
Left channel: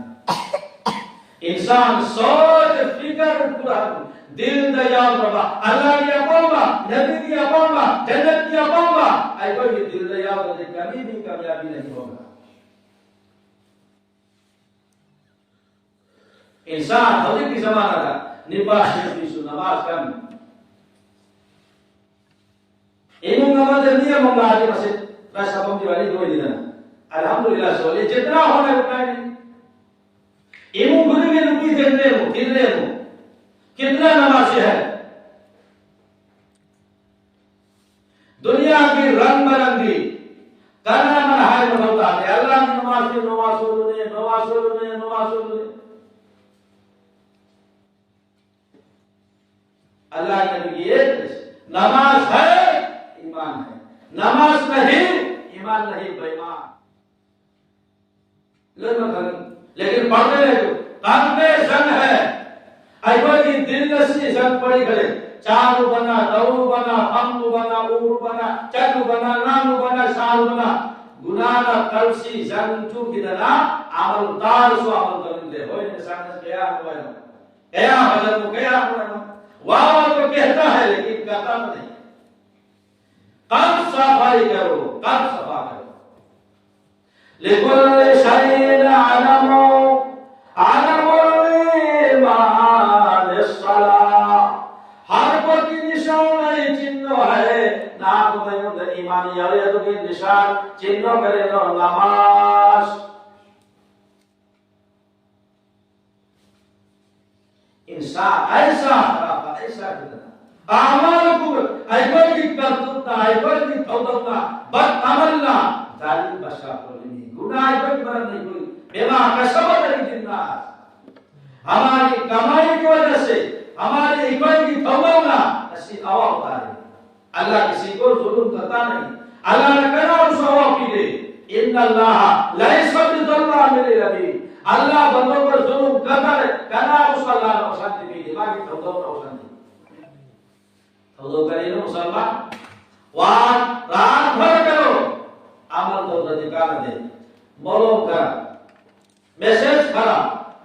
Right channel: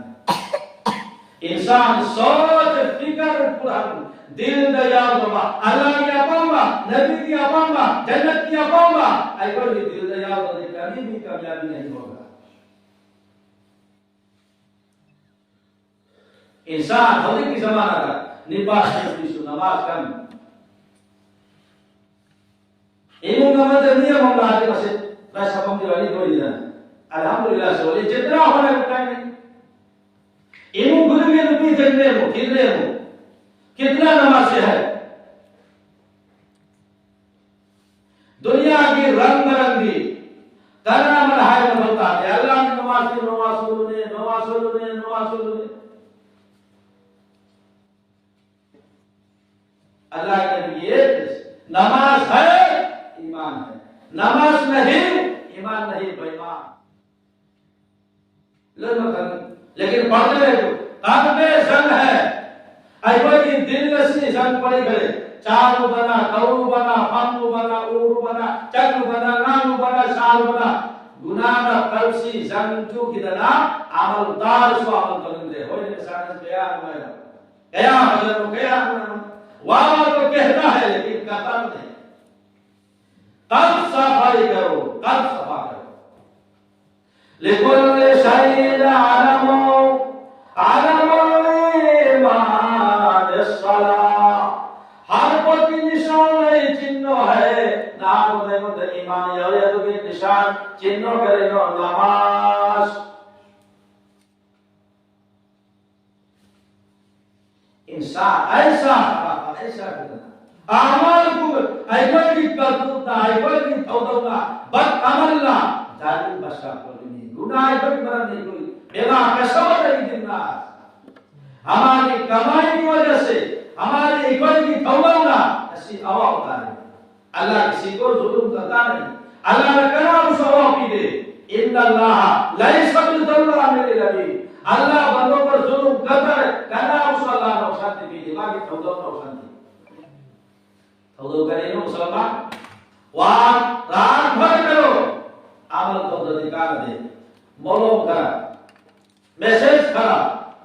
انسان سوچ فکر قرآن دل دیال ربا اللہ کی اپاؤں نبی کی اپاؤں جنت کی اپاؤں آئی کوئی دل دیال ربا کبھی بھی کامیابی نہیں ہوگا انسان ہونے کی زمانہ تھا نپاس نیسو نماز کم ایمون کا مدد نیم ہم آجے مسجد پیسہ پمدی والی کوئی دینا الحمدللہ سولی جتنا ہونا ہے نہیں ایمون گروہ کے نبی کھلنے ہو کتنا نماز ہے دنیا کی رنگ برنگی کرنا منہائی میں بولتا ہے اللہ کی نماز کی نماز اللہ کے لیے نماز ہے ایمان ہے نماز نہیں ایمان نہیں بے ایمان لیکن پڑھتے رہے جو قلب زن ہے ایوہ کی دل نسی زن پڑی کرے چارو بنا دورو بنا فمو بنا اورو بنا چکو بنا نامو بنا سالو بنا گناہ قلب سی زن چو کی دنا عمل دار سو عمل کرنے دے ہوئے انسان اس قیام ہوئے قیام حضرت کو قیام ہوئے واہ تو کہتا ہے لیکن کرتا نہیں قلب صفائی کرو قلب صفا کرو لِكُلِّ شَيْءٍ عَلَمُ الْإِيمَانِ الصَّلَاةِ ہر کوئی نشان نہیں چنو ہے نام میں مد ایمان یا تو کہ نشان چنو کرے نو نماز انسان ایسا اعمال کو ایوہ کی کرتوتا ایوہ کی توتوتا بد عملنا ظالم بشا کرنی گناہ ایوہ کی برد نہیں کوئی بیما کسبت نہیں دننا ہماری کمائی کی وجہ سے ہماری ایوہ کی توبنا اسی آوہ اتارے اللہ کسی کو ظلم کرتا نہیں اللہ نے کہنا اس آوہ کی دے ان اللہ لئیس فقد اللہ میرے ربی اللہ بندوں پر ظلم کرتا ہے کہنا اس اللہ نے اوسانتی بھی دماغی توبہ پر اوسانتی توبہ کرے نو مسلمان وہاں رات بھر کرو عمل تو دکھانا دے مولو کرا میسیج کرا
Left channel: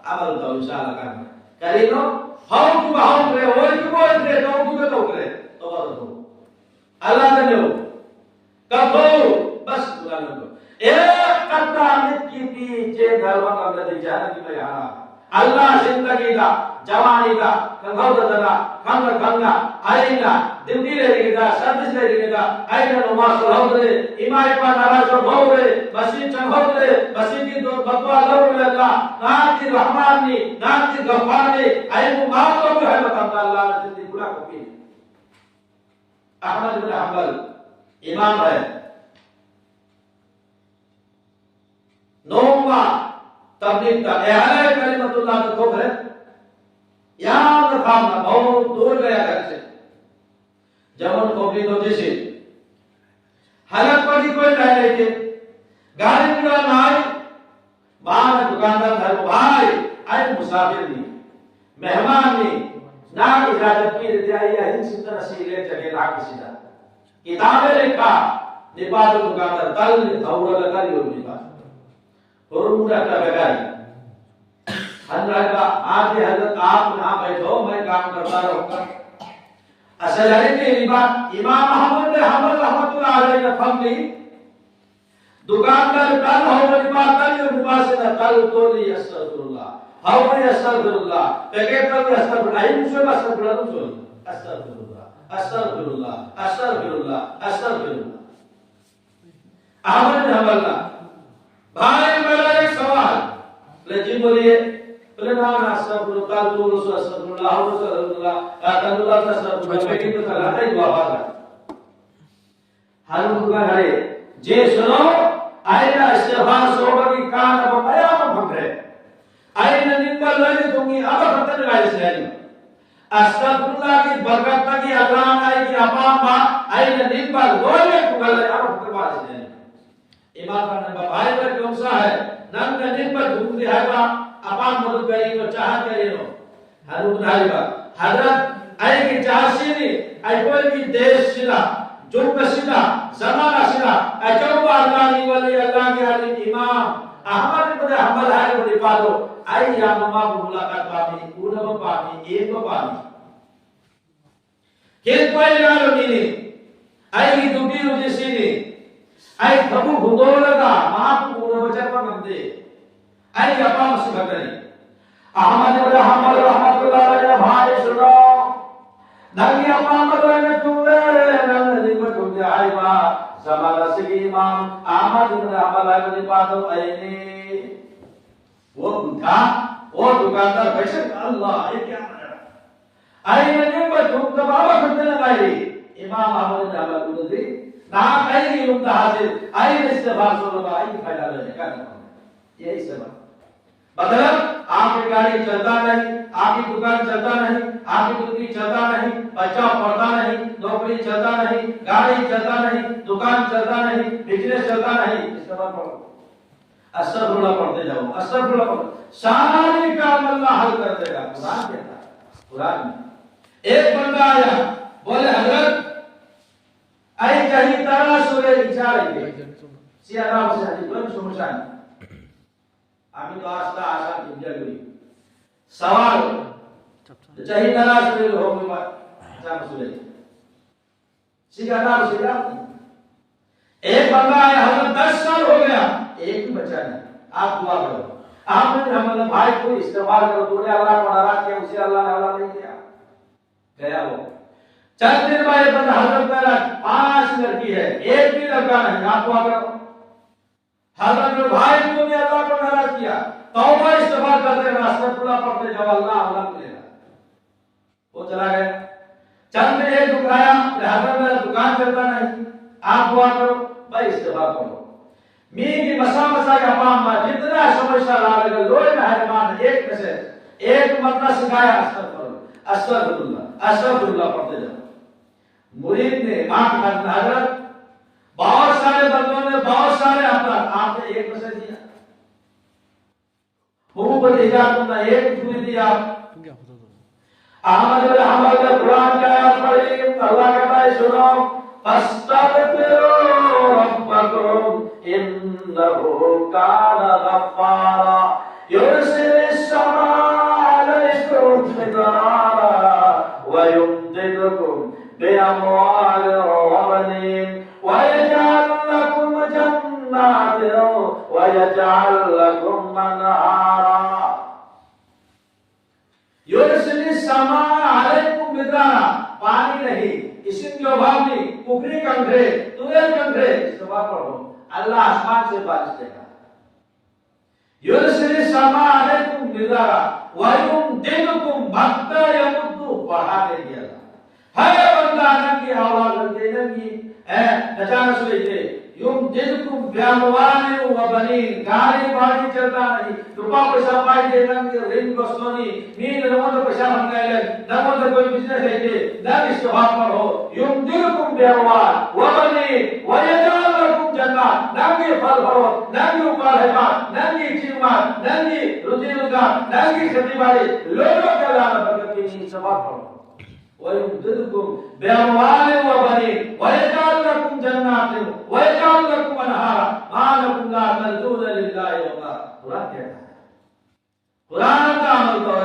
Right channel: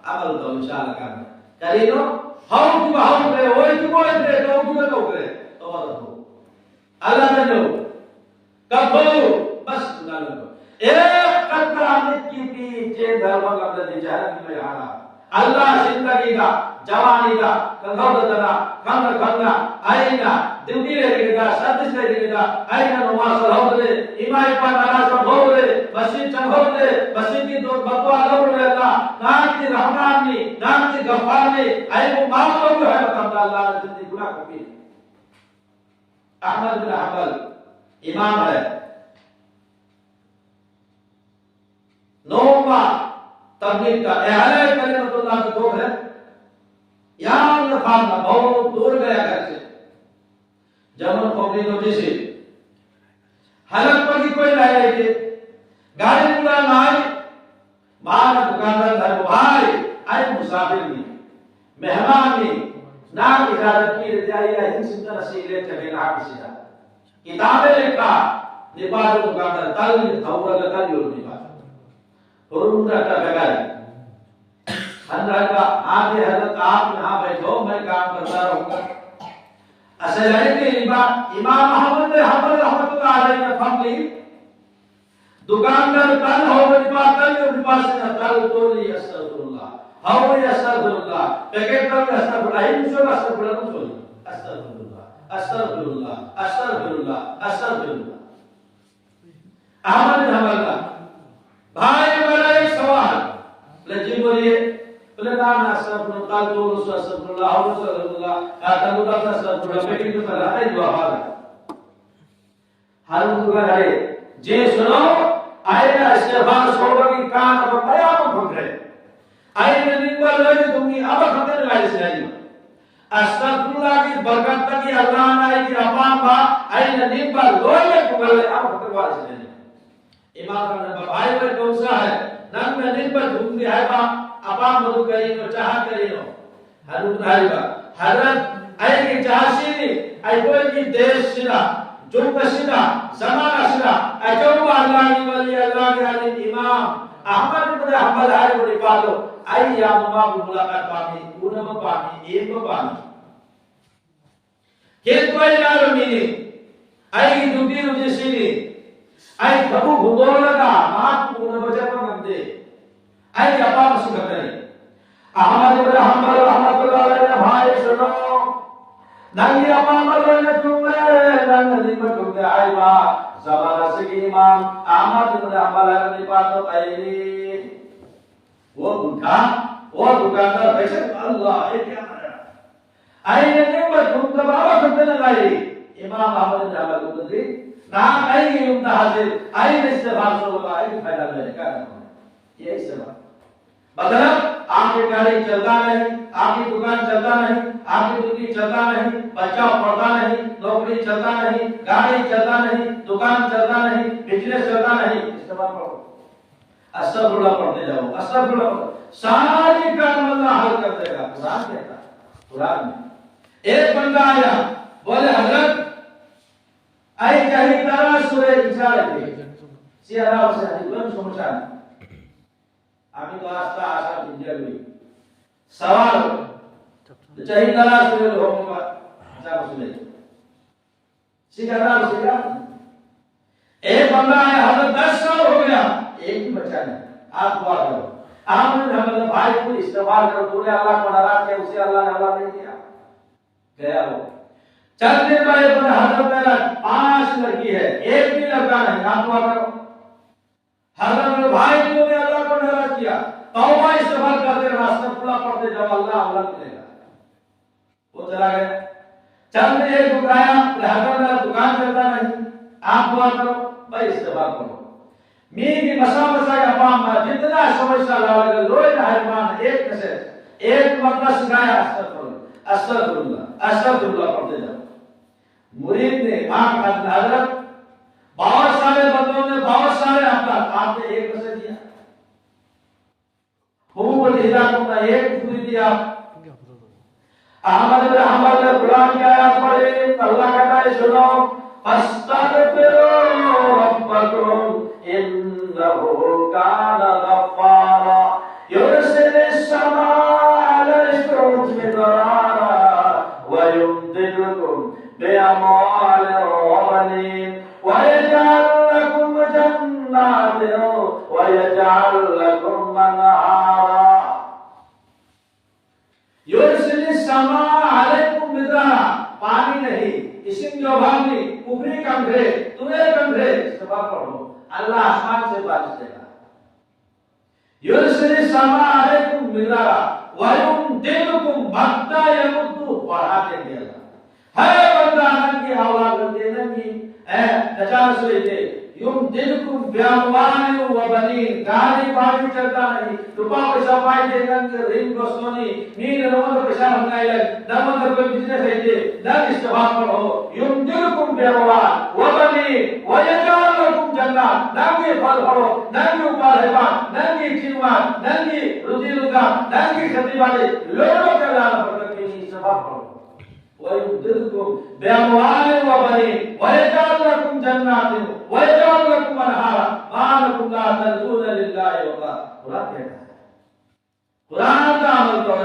عمل تو انشاءاللہ کرنا کرے نو ہاؤ کی بہاؤ کرے ہوئی کی بوئی کرے تو کی میں تو کرے توبہ تو اللہ نے جو کب ہو بس اللہ نے جو ایک قطرہ امت کی پیچھے دھرمہ کا بلدی جہنم میں آنا اللہ زندگی کا جوانی کا کنگھوڑ دنا کنگ کنگا آئینا دنگی لے گیتا سردس لے گیتا آئینا نماز صلح دے امائی پا نراز پر بھو دے مسیح چنگھوڑ دے مسیح کی دور بقوہ ضرور لے اللہ نام کی رحمانی نام کی غفانی آئینو معاف تو بھی ہے مقام اللہ نے زندگی گناہ کو کی احمد بن حنبل امام ہے نوما تبلیغ کا اعلان کلمت اللہ کے ٹھوک ہے یہاں پر کھانا بہت دور گیا گھر سے جمن کوبلی تو جیسے حلق پر کی کوئی نہیں رہتے گاڑی پورا نہ آئی مهمانی نام اجازت کی رضایہ ہند سنتر اسیلے چگے لاکی سیدھا کتابیں لکھا نپاد مقابل تل دھورا لگا دیو نپاد فرمورا کا لگائی حضرت کا آج حضرت آپ یہاں بیٹھو میں کام کرتا رہوں گا اصل ہے کہ امام احمد نے حضرت رحمت اللہ علیہ نے فرم لی دکاندار تل ہو نپاد تل جو نپاد سے تل کو لی استغفر اللہ ہاؤ یہ استغفر اللہ پیکٹ پر استغفر اللہ ان سے استغفر اللہ تم سوئی استغفر اللہ استغفر اللہ استغفر اللہ استغفر اللہ احمد بن حنبل کا بھائی میرا ایک سوال بولے جی بولیے بولے نا استغفر اللہ تو رسول استغفر اللہ ہاؤ استغفر اللہ تلو اللہ استغفر اللہ پیکٹ تو کر رہا ہے دعا ہے ہر دعا ہے جے سنو آئے استغفار سوڑا کی کان اب قیام پھٹرے آئین نمبر لگے تمہیں اب ختم لگائی سے آئی استغفراللہ کی برکت تکی اللہ نے آئی کی اپام با آئین نمبر لگے کھگل لے اب ختم لگائی سے آئی امام کا نمبر بھائی پر کون سا ہے نم میں نمبر دھوم دی ہے با اپام مدد کری تو چاہت کری ہو حضرت بھائی با حضرت آئی کی چاہسی نہیں آئی کوئی کی دیش سنا جنب سنا زمانہ سنا اچھو اللہ ولی اللہ کے علی امام احمد بن حنبل ہے وہ نپادو آئی یا مما کو ملاقات پانی اونم پانی ایک پانی کس کوئی جانو نہیں آئی کی دوٹی روزی سینی آئی بھبو بھگول لگا مات کو اونم بچہ پر مندے آئی اپا مسئلہ کریں احمد بن حنبل رحمت اللہ علیہ بھائی سنو نگی اپا مدرن چونگلے نگی مچونگلے آئی با زمانہ سے امام احمد بن حنبل ہے نپادو آئینی وہ بھٹا وہ دکاندار پیسے اللہ یہ کیا ہے آئیے نمبر تم دباوا کرتے لگائی امام احمد بن حنبل کو دی نام آئی علم دا حاصل آئی استغفار صلی اللہ آئی فائدہ لے کیا کرنا یہ استغفار مطلب آپ کی گاڑی چلتا نہیں آپ کی دکان چلتا نہیں آپ کی مرغی چلتا نہیں بچہ پڑھتا نہیں نوکری چلتا نہیں گاڑی چلتا نہیں دکان چلتا نہیں بزنس چلتا نہیں استغفار پڑھو استغفر اللہ پڑھتے جاؤ استغفر اللہ پڑھو سارے کام اللہ حل کر دے گا قرآن کہتا ہے قرآن میں ایک بندہ آیا بولے حضرت آئی چاہی تارا سورہ اشارہ کے سیارہ سے حدیث بلند سمجھانی آمی تو آستا آسا دنجا گئی سوال چاہی تارا سورہ ہو گئی بات اشارہ سورہ سیارہ سورہ ایک بندہ آیا حضرت 10 سال ہو گیا ایک بھی بچہ نہیں آپ دعا کرو آپ نے ہمارے بھائی کو استغفار کرو تو نے اللہ کو ناراض کیا اسے اللہ نے اللہ نہیں کیا گیا وہ چند دن بعد بندہ حضرت میرا 5 لڑکی ہے ایک بھی لڑکا نہیں آپ دعا کرو حضرت میرے بھائی کو نے اللہ کو ناراض کیا توبہ استغفار کرتے رہنا استغفر اللہ پڑھتے جاؤ اللہ عمل ملے گا وہ چلا گیا چند دن ایک دکایا حضرت میرا دکان چلتا نہیں آپ دعا کرو بھائی استغفار کرو میری مسا کا پام جتنا سمجھتا رہا لوئی مہربان ایک میسج ایک مرتبہ سکھایا استغفر اللہ پڑھتے جاؤ مرید نے آنکھ کھانا حضرت بہت سارے بندوں نے بہت سارے افراد آپ نے ایک میسج دیا حقوق الحجاب کو ایک پوری دیا احمد بن حنبل نے قرآن کی آیات پڑھی اللہ کہتا ہے سنو فاستغفروا ربکم إنه كان غفارا يرسل السماء عليكم مدرارا ويمددكم بأموال وبنين ويجعل لكم جنات ويجعل لكم أنهارا يرسل السماء عليكم مدرارا پانی نہیں اسم جو بھاگی کفری کندھے تمہیں کندھے سبا پڑھو اللہ آسمان سے بارش دے گا یرسل السماء علیکم مدرارا ویمددکم مددا یمدو بڑھا دے گی اللہ ہے بندہ ننگی اولاد دے ننگی نچانس لیتے یمددکم بیاموال و بنین گاڑی باڑی چلتا نہیں روپا پیسہ پائی دے ننگی رین گستونی مین نمت پیسہ منگائی لگ نمت کوئی بزنس لیتے ننگ استفاد پر ہو یمددکم بیاموال و بنین ویجعل لکم jannah, nangi phal phalo, nangi upar hebat, nangi jiwan, nangi ruji ruga, nangi khati wali, lolo ke Allah berkat ini sebab phalo. Wa yumdidkum bi amwalin wa banin, wa yaj'al lakum jannatin, wa yaj'al lakum anhara, ma lakum la tarjuna lillahi wa qara. Quran kehta hai. Quran ka amal karo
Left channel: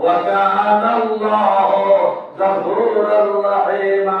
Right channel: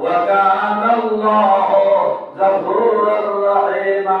وكان الله غفورا رحيما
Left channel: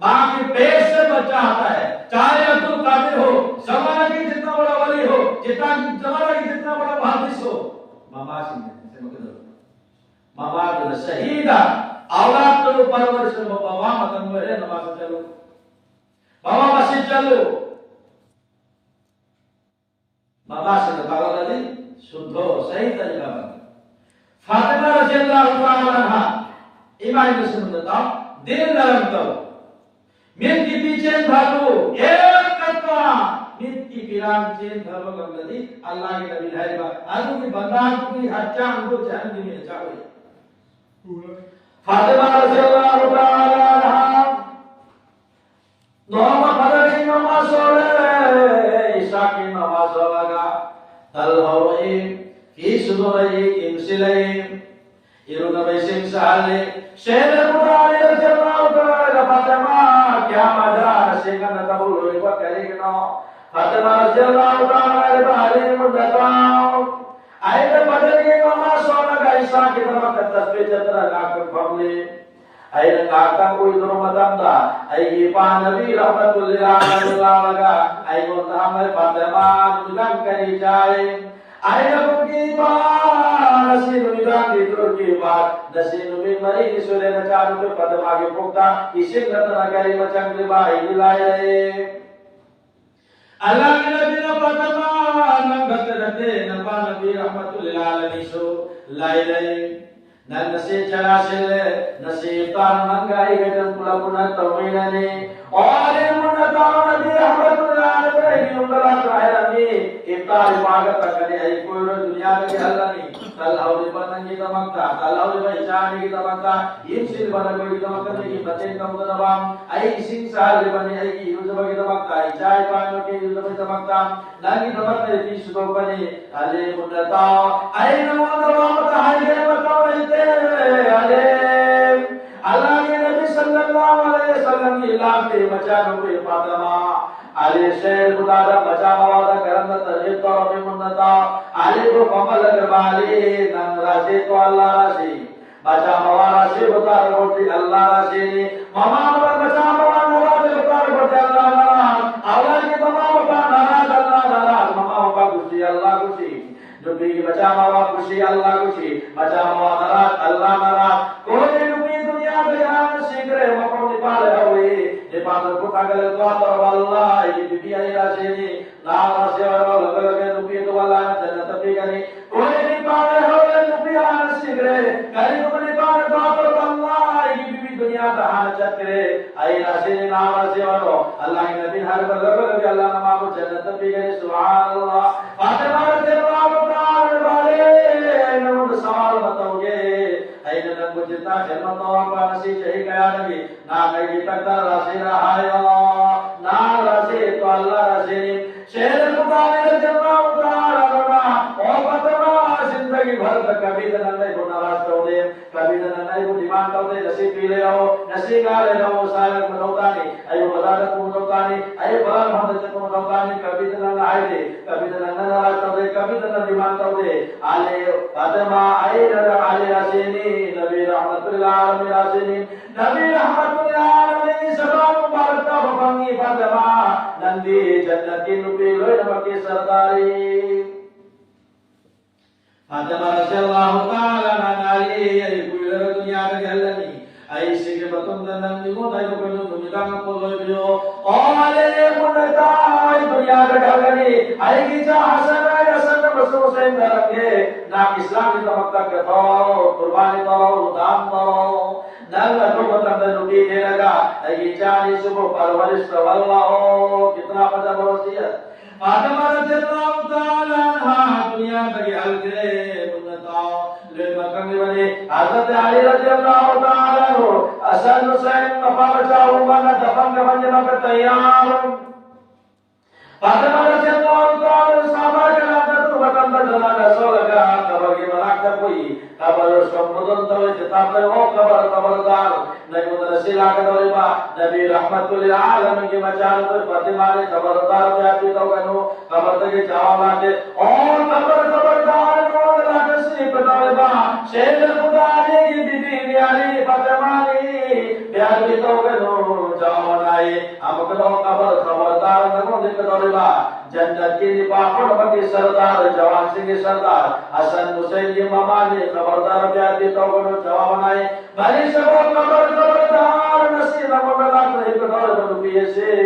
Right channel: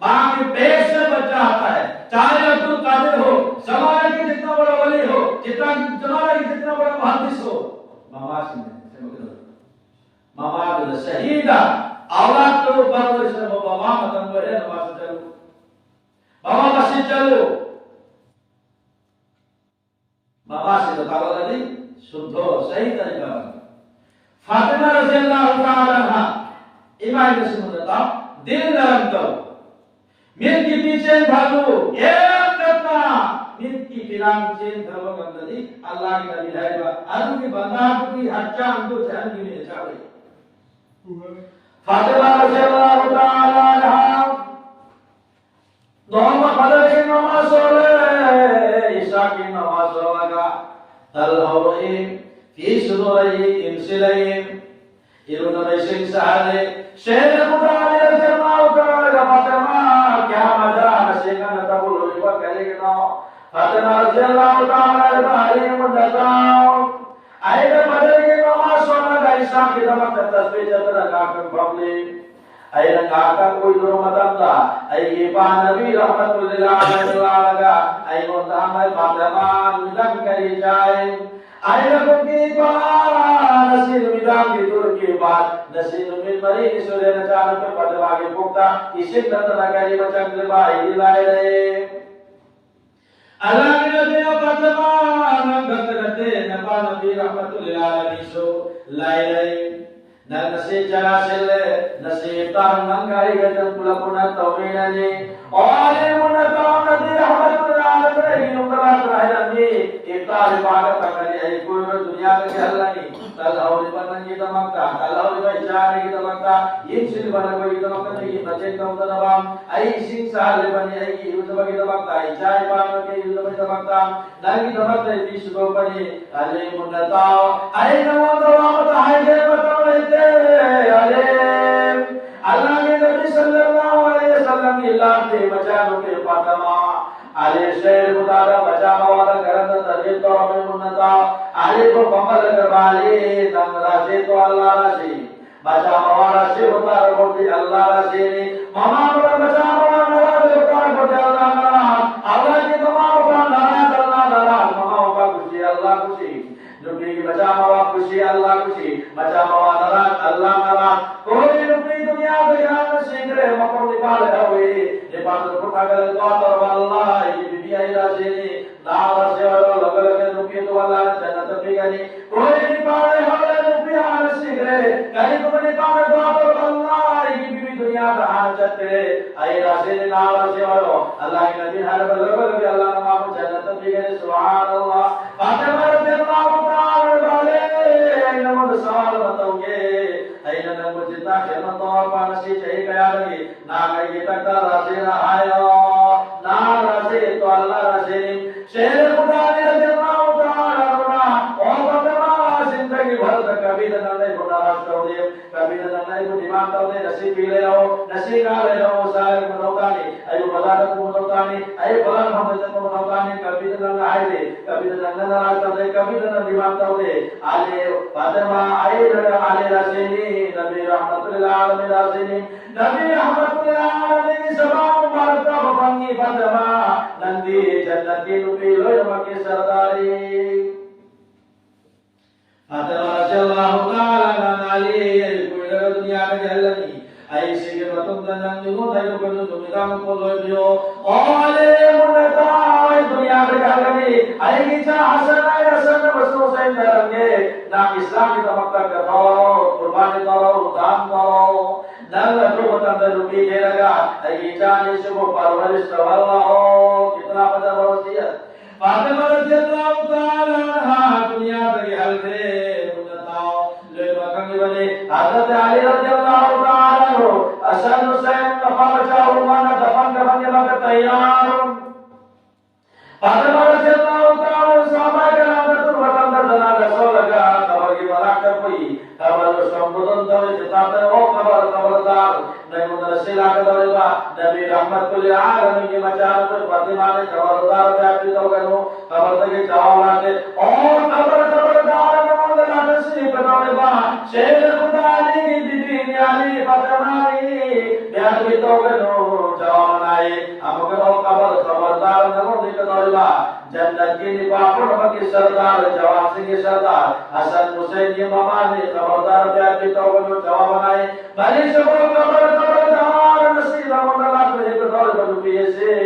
ماں کے پیٹ سے بچہ آتا ہے، چاہے عبد القادر ہو، زمانے کے جتنا بڑا ولی ہو، جتنا زمانے کے جتنا بڑا محدث ہو، ماما جو شہیدہ اولاد کو پرورش میں ماما مدن میں نماز چلو، ماما مسجد چلو، ماما سے دعوت علی شدھو صحیح طریقہ ہے۔ فاطمہ رضی اللہ تعالی عنہ ایمان سے سنتا دل نرم کرو، مت کی پیچھے بھاگو، ایک قدم مت کی پیران چین دھرو گندی اللہ کی نبی ہے با ارض کی بندہ کی ہچا اندو جہن کی میں چاوی فاطمہ رضی اللہ تعالی عنہ نوما فجر کی نماز سولے عشاء کی نماز سولگا تلہوئے فی صدورئی امسلئی ایرون بیشن سہلے شہر خدا علیہ رضی اللہ تعالی فاطمہ کیا مجرا نشیگا نتبول ہوئی پر کرے گنا فاطمہ رضی اللہ تعالی بحری مدتاؤ ایدہ مدر کی نماز سولگا عشاء کی دمک تصویر جتر کاکر بھولی ایدہ کاکر کوئی در مدم دا ایدہ پاہ نبی رحمت اللہ لگا ایدہ مدام فاطمہ نجم کری جائے ایدہ کی بات نسیل میدان کی دور کی بات نسیل مید مری نسولے نچانو پہ فاطمہ کی پکتا اسی کتنا گری بچنگ لبائی دلائے رہے اللہ کی نبی نے فاطمہ نگت رہتے نبا نبی رحمت اللہ علیہ سو لائے رہے نسی چلا سلے نسی افطار منگائی گجن کلا کنت تومیننی اور منتا نبی رحمت اللہ علیہ نمبرات رہی افطار عبادت کرنے ای کوئی رو دنیا میں گھلنی تلہوری بنن کی دمکتا تلہوری بہشانے کی دمکتا یہ سن بنن کوئی دمکتا کی بچے کا مدنوام ای سن سال بنی ای کی یوزبہ کی دمکتا ای چائے پانو کے یوزبہ کی دمکتا ناکی دمکتا پیش کو بنی علی منتا ای نوان دوامتا ہے گئے مطمئتے اللہ کے نبی صلی اللہ علیہ وسلم کی علاقے بچانو کے فاطمہ علی شہر مدادہ بچا موادہ کرند تجید پر امی منتا علی کو کمل کروالی نم راشی تو اللہ راشی بچا مواد راشی ہوتا رکھوٹی اللہ راشی ممام پر بچا مواد نوازی ہوتا رکھوٹی اللہ نرام اولاد کی تمام پر نرات اللہ نرات ممام کا خوشی اللہ خوشی نبی کی بچا مواد خوشی اللہ خوشی بچا مواد نرات اللہ نرات کوئی نبی دنیا بجان سنگرے مکرم نپال ہوئی نپال پھٹا گلے تو پر واللہ یہ بی آئی راشینی نارا سیورو لگل کے نبی تو اللہ جنت پیگنی کوئی نپال ہوئے نبی آن سنگرے کہیں تو نپال تو پر واللہ یہ بی دنیا بجان چکرے آئی راشینی نارا سیورو اللہ کی نبی ہر لگل کے اللہ نمام جنت پیگنی سبحان اللہ فاطمہ رضی اللہ تعالی والے نمود سوال بتاؤگے این نمو جتا خدمت اور پانسی چاہی گیا لگی نا گئی تک در رسی رہائیو نا رسی تو اللہ رسی شہر خدا رضی اللہ تعالی عنہ اور فاطمہ زندگی بھر تک کبھی دنائی کو نراش کر دے کبھی دنائی کو دیمان کر دے نسی پی لے رہو نسی گا لے رہو سارے منوتانی ایو مدارت منوتانی ایو بلان حمد منوتانی کبھی دنائی دے کبھی دنائی نراش کر دے کبھی دنائی دیمان کر دے آلے فاطمہ آلے رسینی نبی رحمت اللہ علیہ رسینی نبی رحمت اللہ علیہ سباب مبارکہ بفنگی فاطمہ نندی جنتی نبی لوئی نمکی سرداری فاطمہ رضی اللہ تعالی عنہ کوئی لگا دنیا میں گھلنی ایسی کے بطن دننگی کو دائیو کنو دنیا میں پودوئی بیو اولے منتائی دنیا میں گھلنی ایگی چاہ حسن آئی حسن بسو سے اندرنگے نام اسلامی تمکتر کتاو قربانی تاو دام تاو نال تو بطن دنبی کے لگا ایگی چاہ نیسو کو پرورش واللہ کتنا پتہ بوسیت فاطمہ رضی اللہ تعالی عنہ دنیا تکی حل کرے منتاو لے مکنگی بنی حضرت علی رضی اللہ تعالی عنہ حسن حسین کفا بچاؤ مانا دفن کرنے مگر تیار فاطمہ رضی اللہ تعالی عنہ صحابہ کرام تو وطن در دنا کا سو لگا قبر کی بنا کر کوئی قبر شمدن دوے جتاب دے او قبر قبردار نبی رسول آگے دوے با نبی رحمت للعالمین کی مچان پر فاطمہ نے قبردار پہ اپنی تو گنو قبر تک جاؤ لاتے اور قبردار نمود اللہ تشریف دوے با شہد خدا علی کی بی بی علی فاطمہ علی بیاد بھی تو گنو جاؤ دین پاپڑ کے سردار جوان سنگھ سردار حسن حسین کی ماما نے خبردار بیان کی تو جواب بنائے بھلی سبو خبردار نصیب مولا کو ایک دور بدویے سے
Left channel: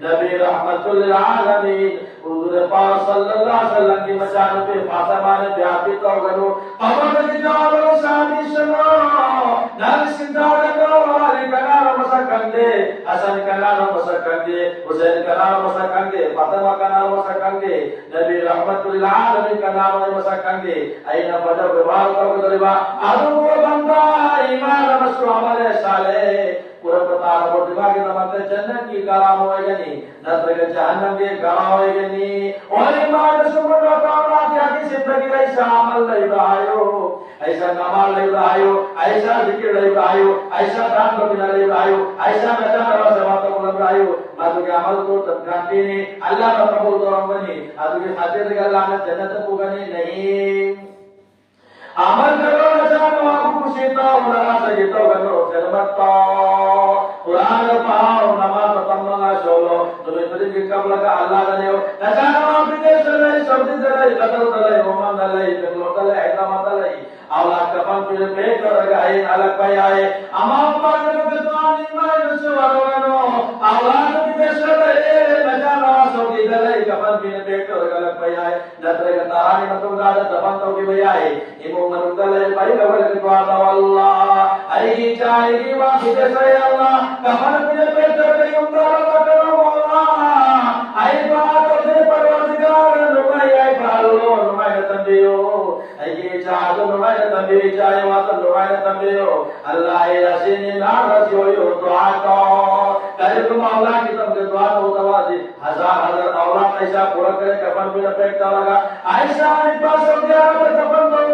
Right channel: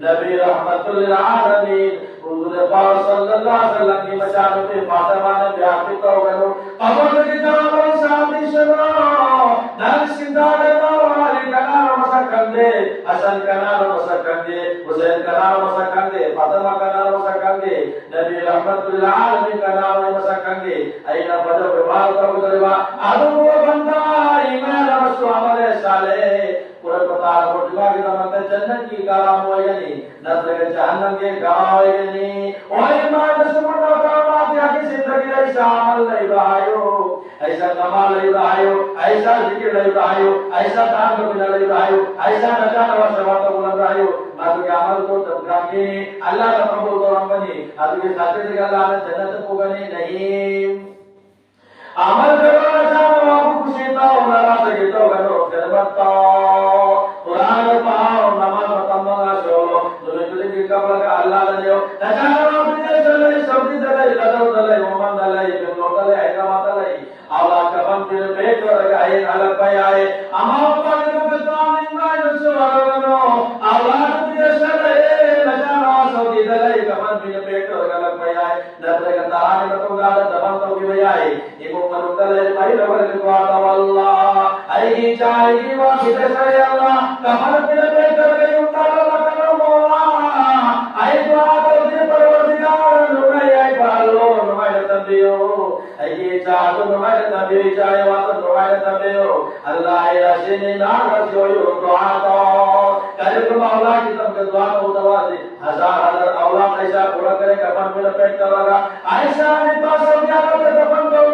نبی رحمت للعالمین حضور پاک صلی اللہ علیہ وسلم کی مشان پہ فاطمہ نے بیان کی تو خبر کی جواب شادی شروع نال سندا کے واری کنا مسکندے حسن کنا مسکندے حسین کنا مسکندے فاطمہ کنا مسکندے نبی رحمت للعالمین کنا مسکندے اینا بدر ویوار کو گریبا ادو بندہ ایمان مسو عمل صالح پورا پتا اور دماغ کی تمام جنت کی کام ہوئے یعنی نظر جہنم کے گاہ ہوئے یعنی اور ایمان سمجھو کرنا کہ زندگی ایسا عمل نہیں رہایو ایسا نماز نہیں رہایو ایسا ذکر نہیں رہایو ایسا دان کرنا نہیں رہایو ایسا نجات اور سبات کو نہیں رہایو ماتو کے عمل کو تبکا کے اللہ کا قبول تو رنگنی ادو کے خاطر کہ اللہ نے جنت کو گنی نہیں عمل کرو نجات اور خوشی تو اللہ سے تو کرو خدمت قرآن پڑھو نماز پڑھنا چھوڑو دنیا کی قبل کا اللہ بنو نجات اور بدے چلے سعودی چلے قطر چلے عمان چلے بنگلور چلے حیدرآباد چلے اولاد کفن پھر پیٹ کر گئے الگ پہ آئے اما پاک نے بتوان ایمان سے ورنو اولاد بدے چلے نجات سعودی چلے کفن پھر پیٹ کر الگ پہ آئے نظر کا تہانی نہ تو گاڑ دفن تو بھی آئے ایمو من چلے پہلے لوگ کے دعا اللہ ای چاہے کی بات بدے سے اللہ کفن پھر پیٹ کر گئے اللہ کرو مولا ای بات دے پروردگار نمائی ای بالو نمائی تنبیو ای چاہے نمائی تنبیو چاہے واسط نمائی تنبیو اللہ رسینی نار رسیوی دعا کو کرے تم مولا کی تم کے دعا کو دعا دی ہزار اولاد ایسا پورا کرے کفن پھر پیٹ کر لگا ایسا نہیں پاس ہو گیا تو کفن تو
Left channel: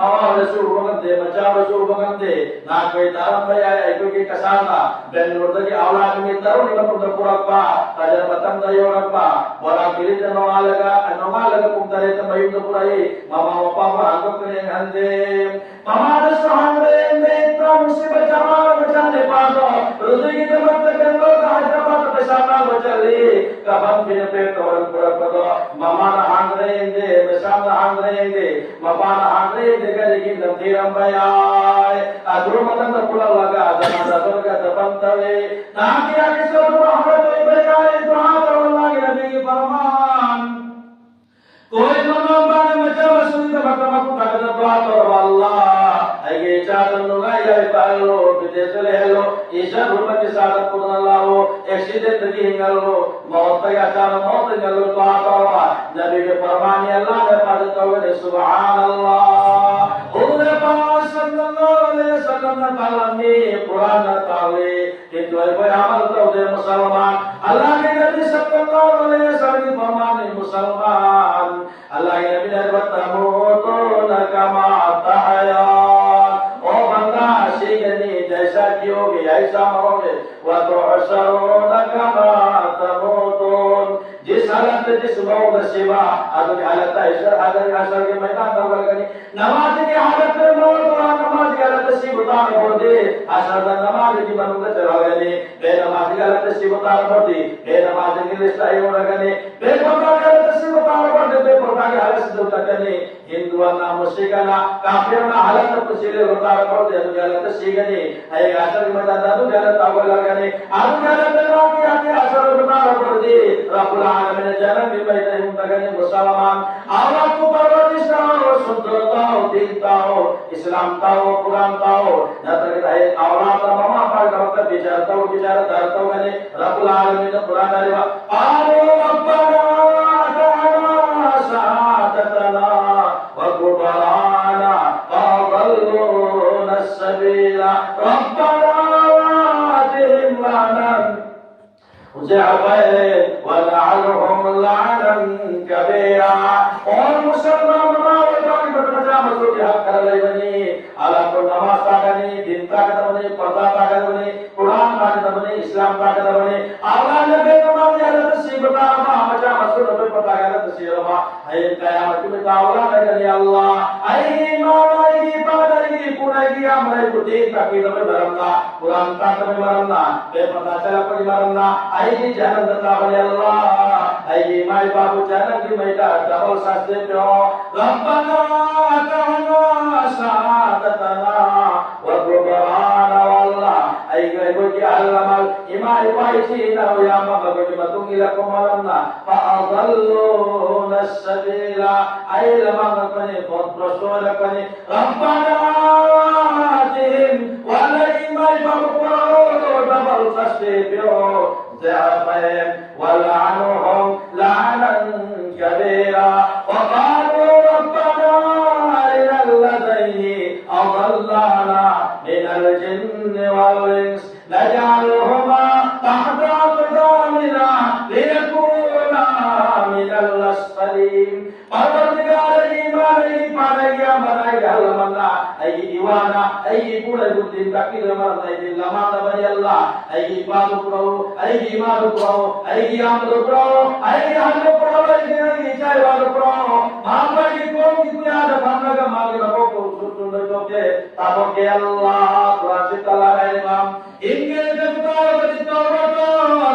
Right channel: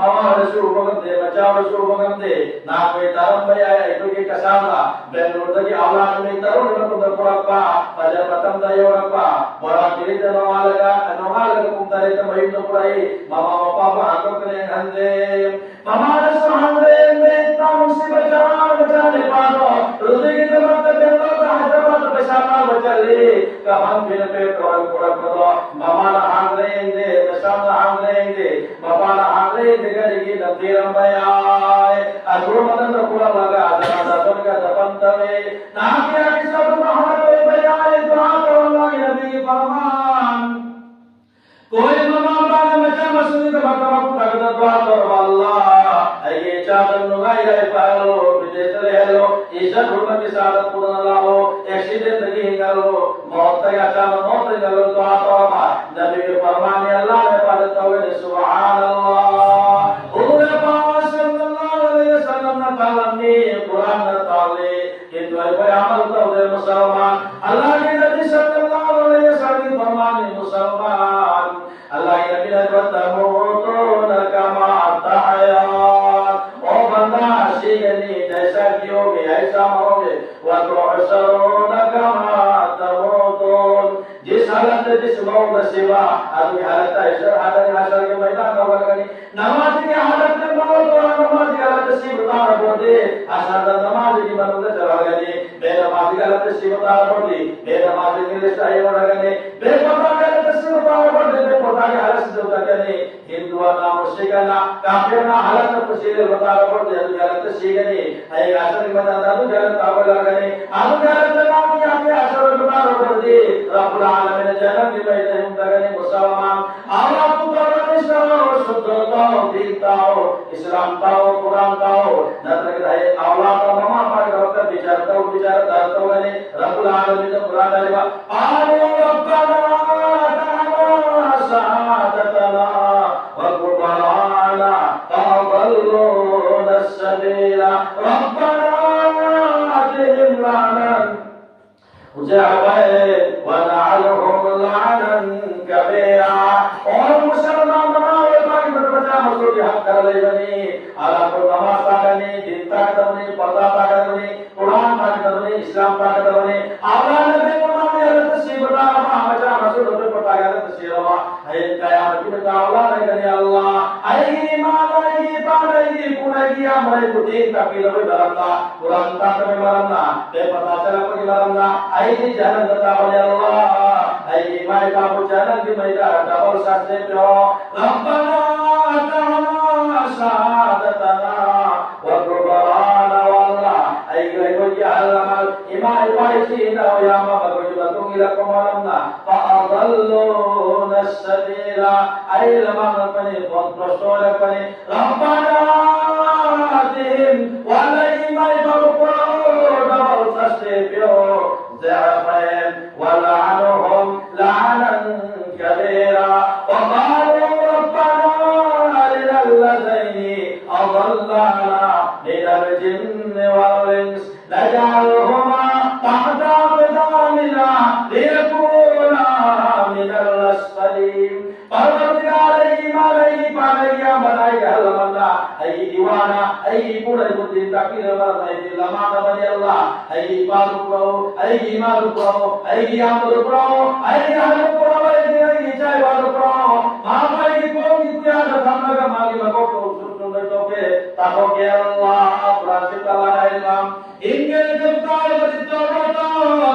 ماما رسول بگن دے بچا رسول بگن دے نہ کوئی تارم بھائی آیا ایتو کی کسانا بینلور کی اولاد میں ترون نہ تو پورا پا کجا پتم دا یو رپا بڑا گری تے نو لگا کم ترے تے مہیم تو پورا ہے ماما پاپا کو کنے ہندے ماما رسول دے اتنا مصیبت جواب بچانے پاسو روزی کی تمت کے لوگ حیدرآباد پیشانا بچلی کفن پھر پیٹ اور پورا پتو ماما نہ ہان رہے دے بشام نہ ہان رہے دے ماما نہ ہان رہے دے کہ کی نتیرم بیائے ادرو مدن پورا لگا جنا دتوں کا دفن توے نہ کیا کس کو محمد کوئی بیائے دعا کرو اللہ کے نبی کی فرمان کوئی ماما بعد مچا مسجد مکہ کو تک دعا کرو اللہ اے چادر نگائی گئے پہلو بدیس لے لو ایشا حرمت کی سعادت قرآن اللہ ہو ایسی زندگی ہنگل ہو موت کا چاہتا موت ہنگل ہو دعا کرو نبی کے فرمانی اللہ میں پڑھت ہوئے سبحان اللہ حضور پاک صلی اللہ علیہ وسلم نے تعالی قرآن نے تعالی کہ تو اے عمل تو دے مسلمان اللہ کے نبی صلی اللہ علیہ وسلم کی فرمانی مسلمان اللہ کے نبی نے تموتون کما تحیان او بندہ شیگنی جیسا کیو گے ایسا مرو گے وتحشرون کما تموتون جس حالت جس موت سوا ادو کی حالت ہے حاضر کے میدان کا ورگنی نماز کی حالت میں موت اور نماز کی حالت سی بتا رہو دے اشهد نماز کی بنوت چلاگنی بے نماز کی حالت سی بتا رہو دی بے نماز کی لسٹ ای ورگنی بے پردہ کی حالت سی بتا رہو دے بے پردہ کی حالت سی بتا کرنی ہندوانا مشرکانا کافرنا حالت کو سیلے بتا رہو دے ادو کی حالت سی گنی ای اشهد کی میدان ادو کی حالت اول لگنی ادو کی حالت نام کی اشهد بتا رہو دے رب العالمین جنت میں بیٹھے ہوں تگنے مسلمان اللہ کو پرورش کرو شکر ہو دیتا ہو اسلام تا ہو قرآن تا ہو نہ تک رہے اولاد ماما پڑھ کرو کہ بیچارتا ہو بیچارتا ہو گنے رب العالمین قرآن علیہ آلو ربنا تعالی سعادتنا وقبرانا فضلون السبیل ربنا آتهم لعنا جعبائے ونعلهم لعنا کبیرا اور مسلمان مناوے باقی بچا مسلوٹی حق کر لئی بنی اللہ کو نماز پاکنی دین طاقت بنی پردہ طاقت بنی قرآن طاقت بنی اسلام طاقت بنی اللہ نبی قرآن حضرت سیبتا رما بچا مسلوٹی پتا گیا حضرت سیرما ہے قیامت میں تعالیٰ نے کہنے اللہ اے ایمان آئی پاگئی پونگی ہمارے کو دین کا پیلو درمنا قرآن طاقت میں مرمنا بے پتا چلا کوئی مرمنا اے جہنم دتا بلی اللہ ay mai babu jalan di maida dawal sasde pyo rabbana atana saadatana wa qurana walla ay go ki alamal imai pai chi na ya ma bagu batung ila komalanna fa adalluna as-sabila ay lamang kani kontrol kani rabbana atihim wala imai babu dawal sasde pyo ضعفين ولعنهم لعنا كبيرا وقالوا ربنا أرنا اللذين أضلانا من الجن والإنس نجعلهما تحت أقدامنا ليكونا من الأسفلين پروردگار ایمان ای پانیا بنائی حلمنا ای دیوانا ای پورا جدین تاکیر مرد ای لمان بنی اللہ ای ایمان کرو ای ایمان کرو ای آمد کرو ای حل کرو ای چاہی وال کرو ماما ای کون کی کوئی آجا تھامنا کا مالی لگو کو سوچو لیتو کے تابو کے اللہ قرآن سے اللہ امام انگے جبتار بجتو روٹو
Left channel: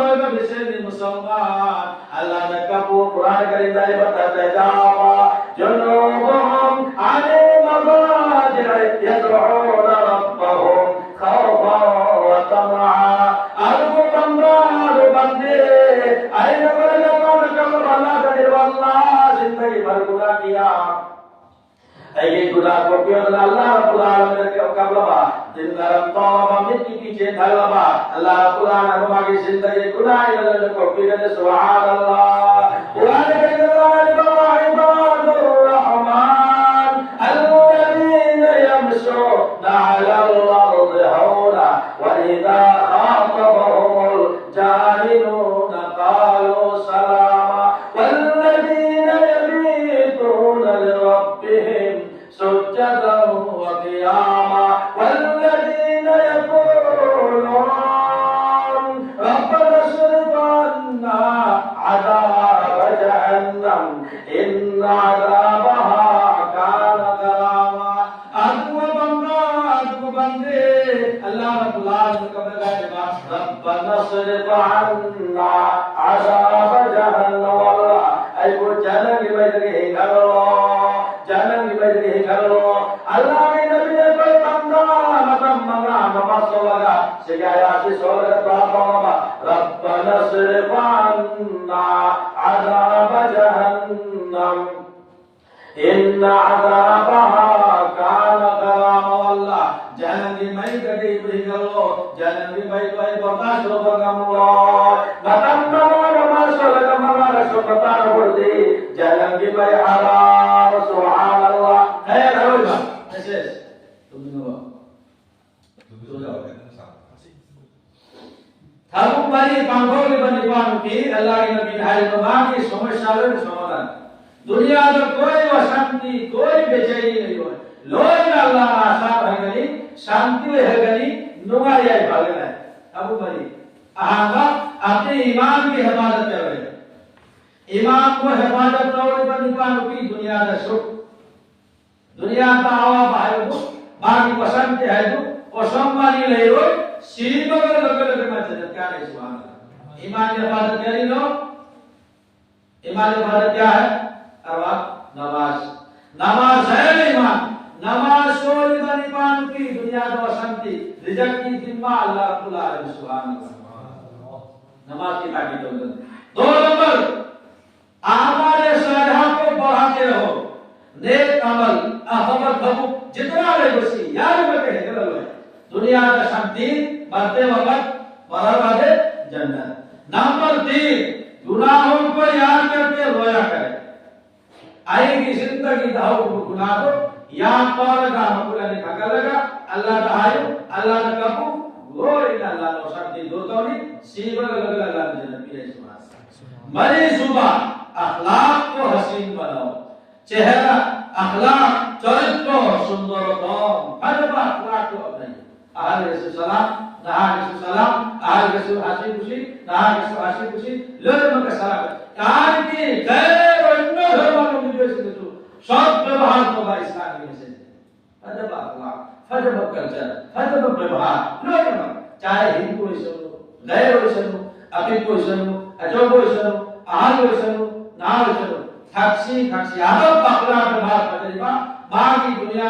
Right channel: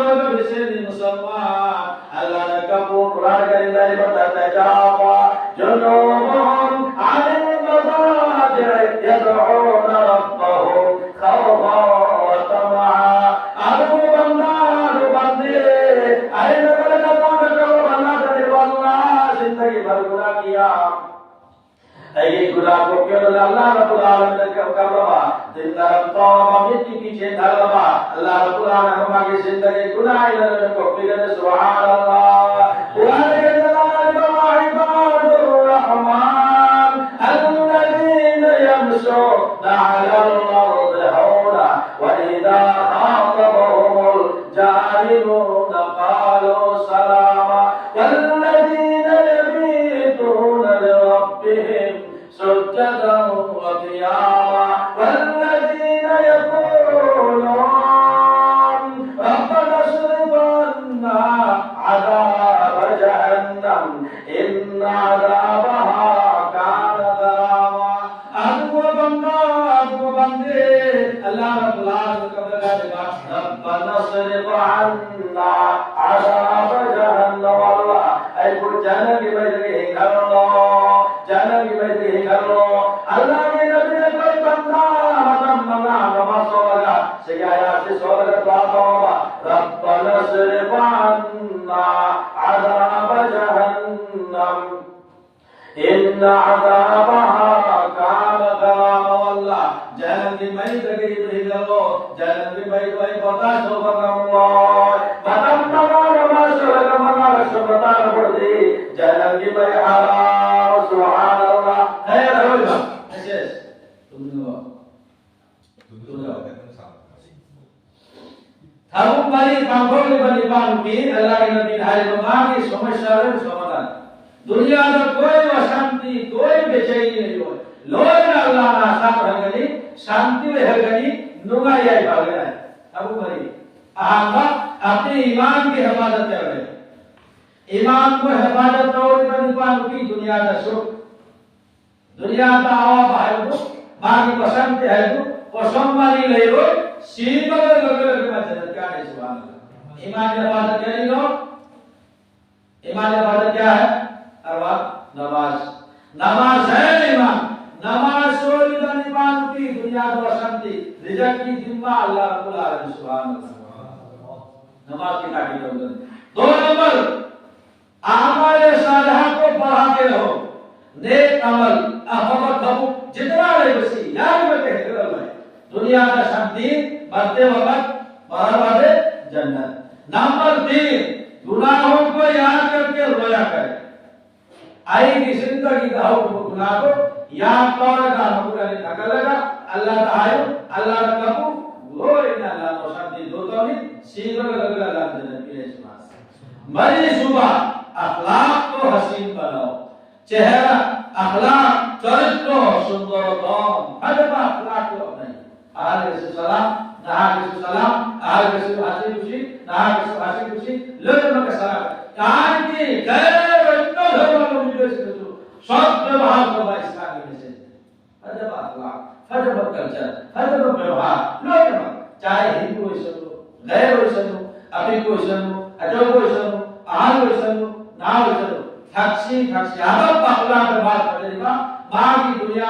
رب بسید مسلمان اللہ نے کبو قرآن کریم داری بتاتا ہے جاپا جنوبهم عن المضاجع يدعون ربهم خوفا وطمعا ارجو بندار بندے این برکتوں کرو اللہ کرے واللہ زندگی بھر گناہ کیا اے گناہ کو کیوں اللہ رب العالمین نے کر لوا دل درم توبہ مٹی پیچھے ڈالوا اللہ رب العالمین ہماری زندگی گناہ اللہ کو بگڑے سبحان اللہ قرآن کے جلال عباد الرحمن الذين يمشون على الارض هونا واذا خاطبهم الجاهلون قالوا سلاما والذين يبيتون لربهم سجدا وقياما والذين يقولون ربنا اصرف عنا عذاب جهنم ان عذابها كان غراما ادو بندے اللہ رب العالمین کا بغیر ربنا اصرف عنا عذاب جهنم اے وہ جہنم کی بجے گھرو جہنم کی بجے گھرو اللہ کے نبی نے کوئی بندہ مدم منا نماز لگا سگایا سے سورہ توبہ ربنا اصرف عنا عذاب جهنم ان عذابها كان غراما والله جهنم کی میں گئی تو گلو جہنم کی میں کوئی برداشت ہو بگم اللہ مدم منا نماز لگا منا رسو بتا پڑ دی جہنم کی میں حرام سبحان اللہ ہے روزہ ایسے تم نے تھابو باری کانٹرول بنی پانو کی اللہ کے نبی ہے تو مانی سمجھا رہے سمادان دنیا میں کوئی وشانتی کوئی بے چینی نہیں ہوئے لوئی اللہ آسان ہے گلی شانتی ہے گلی نمائی آئی بھاگنا ہے ابو بھائی احمد اپنے ایمان کی حفاظت کر رہے ایمان کو حفاظت طور پر نپانو کی دنیا کا سکھ دنیا کا آواب ہے تو باقی وشانتی ہے تو وشنبانی لئی ہوئی سین بگر بگر مجھے کیا نہیں سبحان اللہ ایمان کی حفاظت کیا نہیں لو ایمان کی حفاظت کیا ہے ارواح نماز نماز ہے ایمان نماز سوئی بنی پان کی دنیا کو شانتی رزق کی ذمہ اللہ رب العالمین سبحان اللہ نماز کی کاٹی تو دو نمبر اعمال صالحہ کو بڑھاتے رہو نیک عمل احمد دھو جتنا رہے بسی یاد رکھے دنیا کا شانتی مرتے وقت باہر والے جنت نمبر 3 گناہوں کو یاد کر کے رویا کرے آئی کی زندگی داؤ کو گناہ کو یاد کرے گا نے تھکا لگا اللہ تعالی اللہ نے کہو وہ ان اللہ نے شانتی دو تو نہیں سیدھا لگا اللہ نے جنت کی رہے مری صبح اخلاق کو حسین بناؤ چہرہ اخلاق چرچ کو سندر دام حجب اخلاق کو اپنے آل رسول سلام نہا رسول سلام آل رسول حسی خوشی نہا رسول حسی خوشی لرم کا سلام آل کی غیر و انو دھرمان کو مجھے سے رسول سب بہار کو با اسلامی میں سے حجب اخلاق حجب کلچر حجب بہار لرم چاہے ہندو ہوئی سنو غیر ہوئی سنو ابھی کوئی سنو اجو کوئی سنو ahal nalu taksi ada pakla bahas terima bagi dunia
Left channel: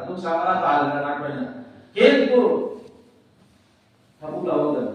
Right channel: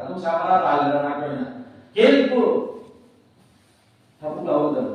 ಅದು ಸಾಮಾನ ತಾಲನ ನಾಕೋನ ಕೇಲ್ಪು ಹಬುಲ ಹೋದನು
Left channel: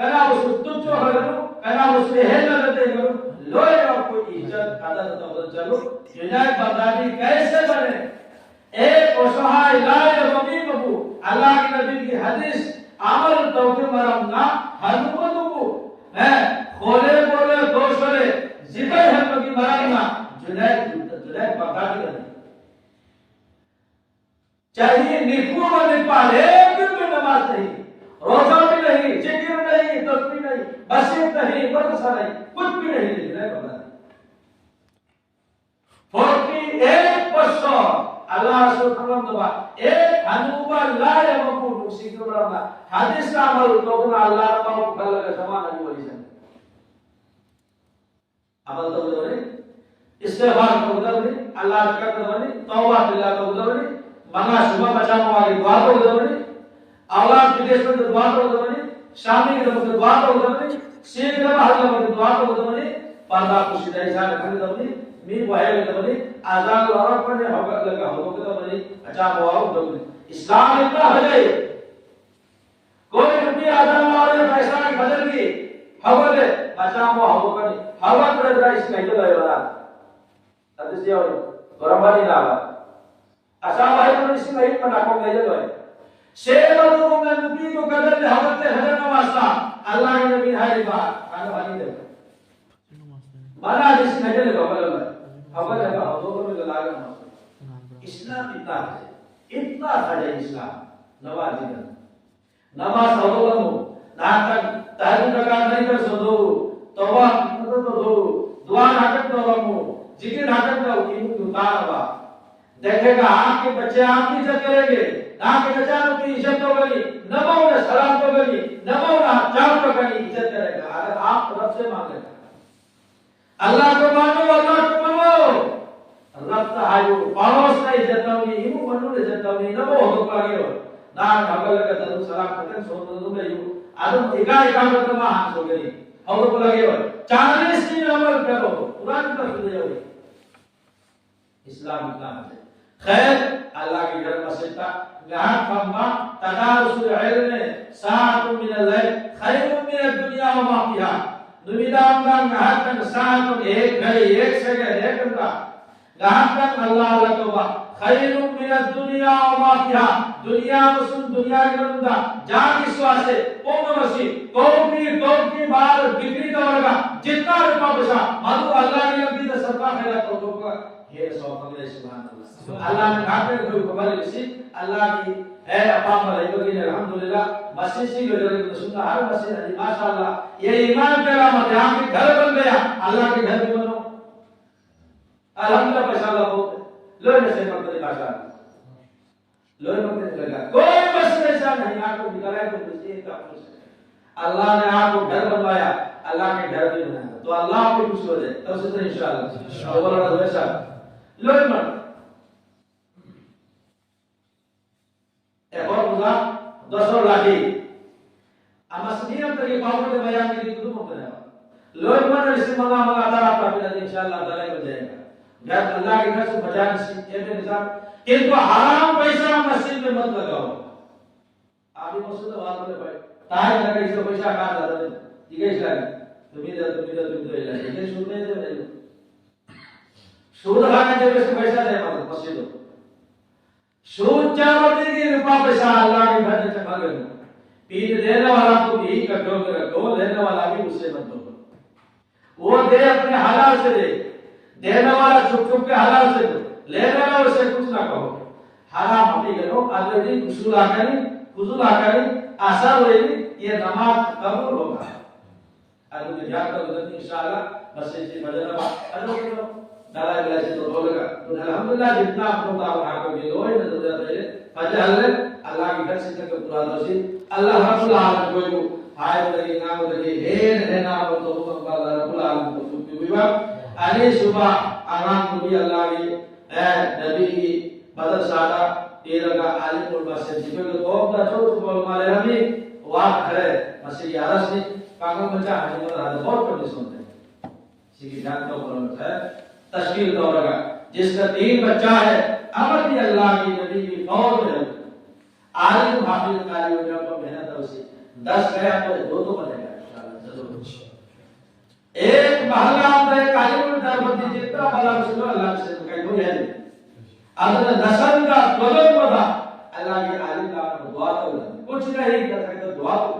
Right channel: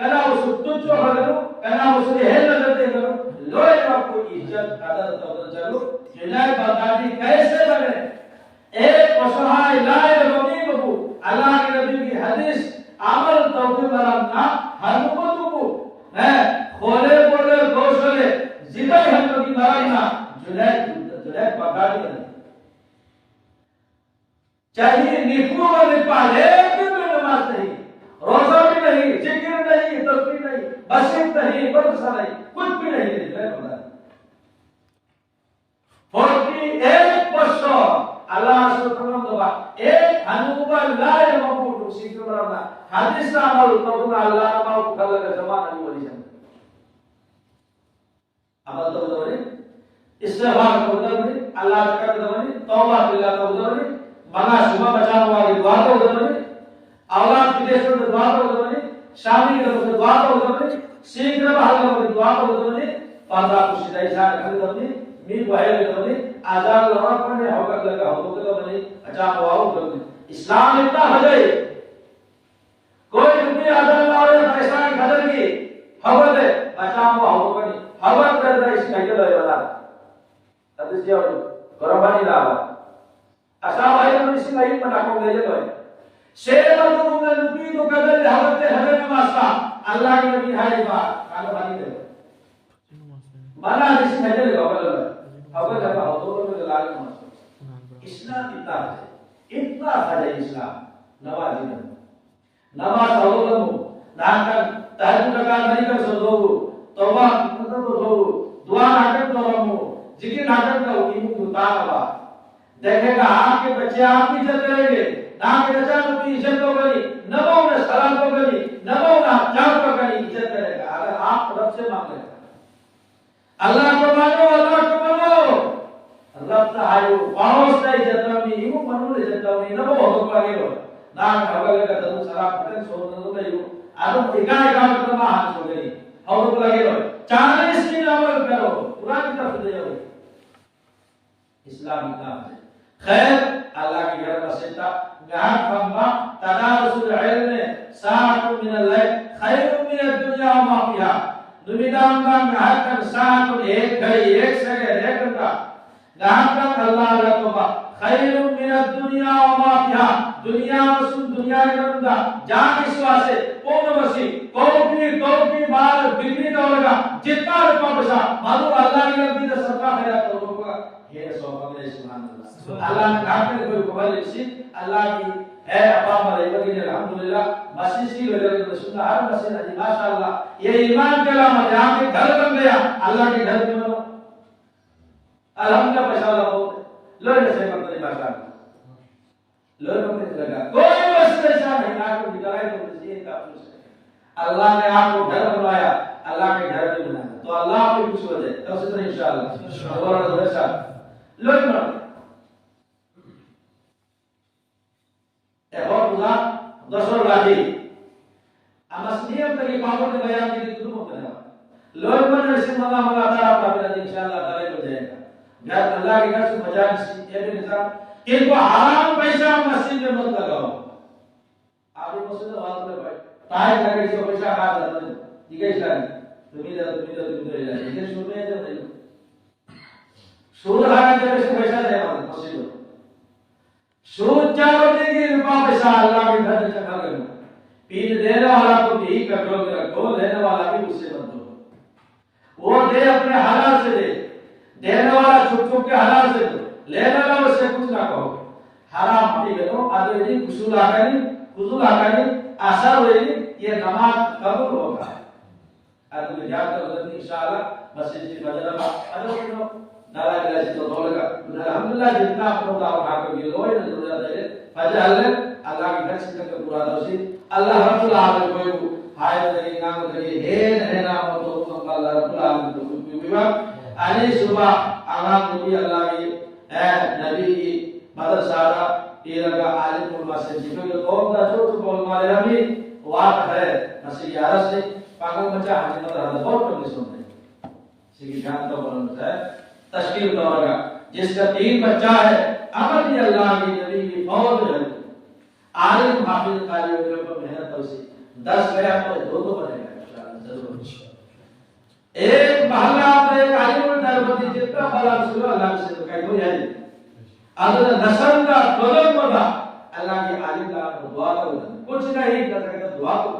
کنا اس تجو ہگنو کنا اس ہے نظر کرو لوے آپ کو عزت عدالت تو چلو جناب بغدادی کیسے بنے ایک اسہائے لائے رومی کو اللہ کے نبی کی حدیث عمل توفیق مرمنا حنومت کو ہے کھولے بولے گوشلے زبر ہم کی مرمنا جناب بغدادی کرنے چاہیے نیکو میں پالے ایک میں نماز نہیں روزہ بھی نہیں ذکر نہیں تسبیح نہیں بصیرت نہیں مدرسہ نہیں کچھ بھی نہیں جناب Baghdadi 48% Allah subhanahu wa ta'ala ایک حنوبہ لا یمکن اسی کے برابر حدیث عمل تو اللہ تعالی کو کل کا زمان علی ولی جان عمل تو ضروری استغفار کو ضروری اللہ کا ضروری توبہ اللہ کو ضروری منا شبہ بچانے والی دعا کو ضروری اولاد کے لیے دعا کو ضروری شامل کے لیے دعا کو ضروری سیکھ رہا ہے دعا کو ضروری پردہ کو سیدھا جان کر ضروری می وائل ضروری آزاد اور پڑھنے ہوگا لگا ہو تو بنی اچانک واو بنی اسلام اتنا ہو جائے کوئی بھی آزاد اور پیسہ کی قدر کی حول ہے اچانک واو بنی حول کر رہا اس میں کے لے رہا حدیث یہ برابر نہ ہوا اچھا بھائی ہم اس میں ایک بنا کو لے جائے شیر اور تو میں نبی کو قدر حول تے حضرت واسطہ اللہ کے نبی ہے بات آلو حدیث دے مانا اس میں جے قبل اول جب حضور میں لگا اسلام اتنا ہے اسلام نماز نماز حضور نہ تہجد کا نہیں کر سکو توبہ مطلب تو دعا نہ کر تو ذکر نہ کر تو ان تاروا دیکھے گا آپ کے بچے آپ کی عزت کریں گے آپ کے بچہ کی عزت تو کری نمو میں سلام تو کری نمو میں چار تو کری عزت کرے گا اگر آپ رب سے مانگے اللہ کو مانو اللہ کو مانو رب تعالی پاوس کا عزت نہیں یوں منو عزت نہیں نہ وہ ہو پا گئے نہ اگل کا تم سلام کرتے سو تو میں یوں ادم اگائے کا مطلب ہاتھ ہو گئی اور تو لگے ہو 40 دن عمل کرو قرآن کی طرف لے جاؤ اسلام اتنا ہے خیر اللہ کی گھر مسجد تھا گھر کھمبا تدارس العلم ساعت من الليل خیر من الدنيا وما فيها دنیام کا گھر ساعت ایک گھڑی ایک سیکنڈ ایک گھنٹہ گھر اللہ رتبہ خیر من الدنيا وما فيها دنیا وسن دنیا کے اندر جان اس واسطے پون وسی کوپی بال بکری تو لگا جتنا روپے پیسہ مانو اللہ کی نبی کا صدقہ خیرات تو ہوگا یہ سو قبل سبحان اللہ اللہ نے کہا کہ کوئی قبل اسی اللہ کی ہے اپا پر ایک الحمدللہ مسجد سی لوگ سننا ہر مسجد ہے ماشاءاللہ یہ ایمان کے علامت یہاں کے گھر بن گیا اللہ کے گھر بنو الحمدللہ پیسہ لگو لوگ سے کرتے ماشاءاللہ لوگ کرتے لگا کوئی مسئلہ ایسا نہیں آپ کو نکالے تو مسجد کا اللہ نے آپ کو گھر بنوایا اللہ کے گھر بھی بنایا تو اللہ آپ کو خوش ہو جائے تب سے انشاءاللہ اور ویسا لوگ مر اور خدا دسو لاگی امسنیت کی بابت بیان کی تو ہوتا ہے لوگ مر سے منگا ہوا تھا آپ انشاءاللہ تعالی ہو جائے گا گھر اللہ کے گھر سے بچانے سے یہ نظام ان کو حرام پیسہ مسجد میں مت لگاؤ آپ مسجد وہاں پہ بیٹھ تاہی لگے سے پیسہ کھا جاتے ہیں ٹھیک ہے اسلام تم تو یہ سنتے ہیں تو نہیں سود کھانے کے سے پیسہ نہیں آتا مسجد سود چاوتی کی روپا پیسہ اللہ کے گھر سے کھا گئے پیر دینے والا تو یہی کنٹرول میں رکھو لینے والا بھی اس سے مت دو وہ دے اپنے حلال سے دے دینے والا چھپ چھپ کے حلال سے دو لینے والا سے کچھ نہ کہو حرام ہٹی گئے آگے نہیں اصول آگا نہیں اثر ہوئے یہ نماز قبول ہوگا اگر تو جان کر گزرتی انشاءاللہ مسجد سے بدل ادو نالا بلا سے تو بولے گا الحمدللہ جتنا اپنا دعوت کھا کر یہ ہوئے نہ ضرورت ہے فضل اللہ کی گھر سے تک پورا دوسی اللہ رب العالمین کوئی ہائے لگے نام لگے ہے نام تو اللہ رب العالمین تو کوئی بھی علی صبح امان نبی اللہ کی نبی مدد سادہ تیرہ کا عالم المسجد جب کہ قوم دا چھوٹ بول مالے نبی واقع ہے مسجد عرص سے پاگل بچہ حجم مدد بہت پڑھنے سنتے ہیں اسی جان تو بولنا ہے تشکیل دور کا جس کا 3 بچہ ہے امر بھی اللہ کی نبی کی فوج ہے عالم حافظ قاری ہو جب محنت ہو سی 10 گیا تو 2 تو بنے گا ایک محلہ آپ نے کاجول دربتی جتنا بڑا مسلم اللہ سے تو کہیں کوئی ہے نہیں اگر نسل کا قدر بڑھا اللہ کی عالم کا دعا کرو کچھ نہیں کر سکتا دعا کرو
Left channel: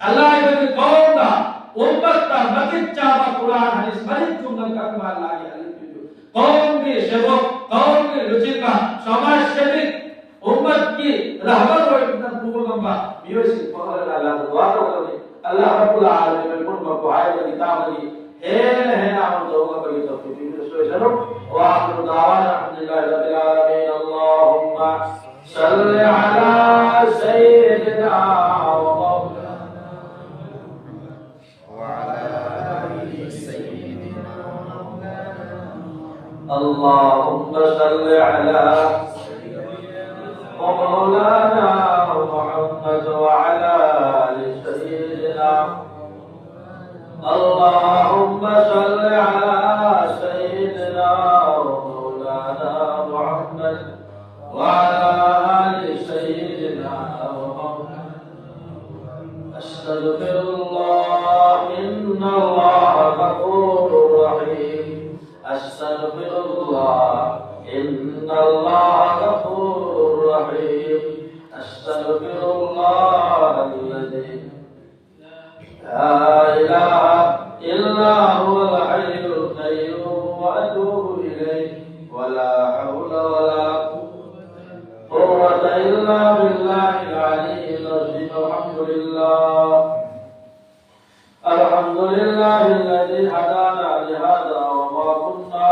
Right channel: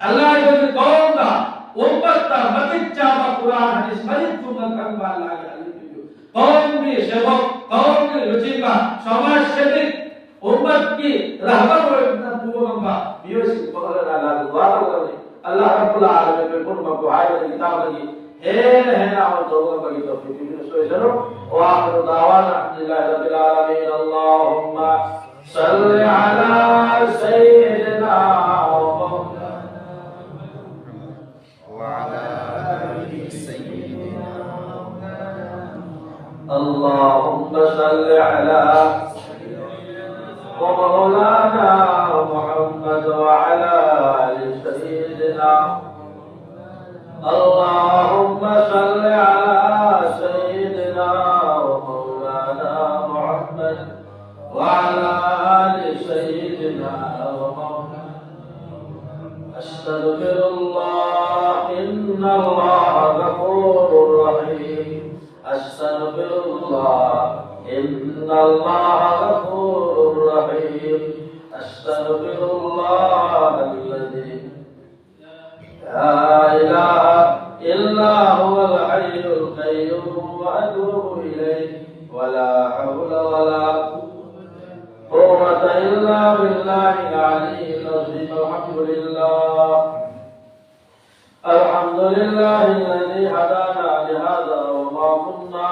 اللہ کی قوم کا امت کا مدد چاہا قرآن حدیث مدد چونگا کرنا اللہ کی عالم کی قوم کی شباب قوم کی رچکا سماج شبک امت کی رہبر و ابن پوگمبا بیوسی پہلے اللہ دعا کرو اللہ رب العالمین میں کن مقوعی و کتاب لگی حیل حینا اور دوگا بگی توفیق میں سوئے سنو وآخر دعوانا الحمدللہ رب العالمین اللہم صل علی سیدنا و وعلى سيدنا اللهم صل على ومولانا محمد وعلى آل سيدنا اللهم صل على سيدنا ومولانا محمد وعلى آل سيدنا أستغفر الله إن الله غفور رحيم أستغفر الله إن الله غفور رحيم أستغفر الله الذي لا إله إلا هو الحي القيوم وأتوب إليه ولا حول ولا قوة إلا بالله العلي العظيم الحمد لله الذي هدانا لهذا وما كنا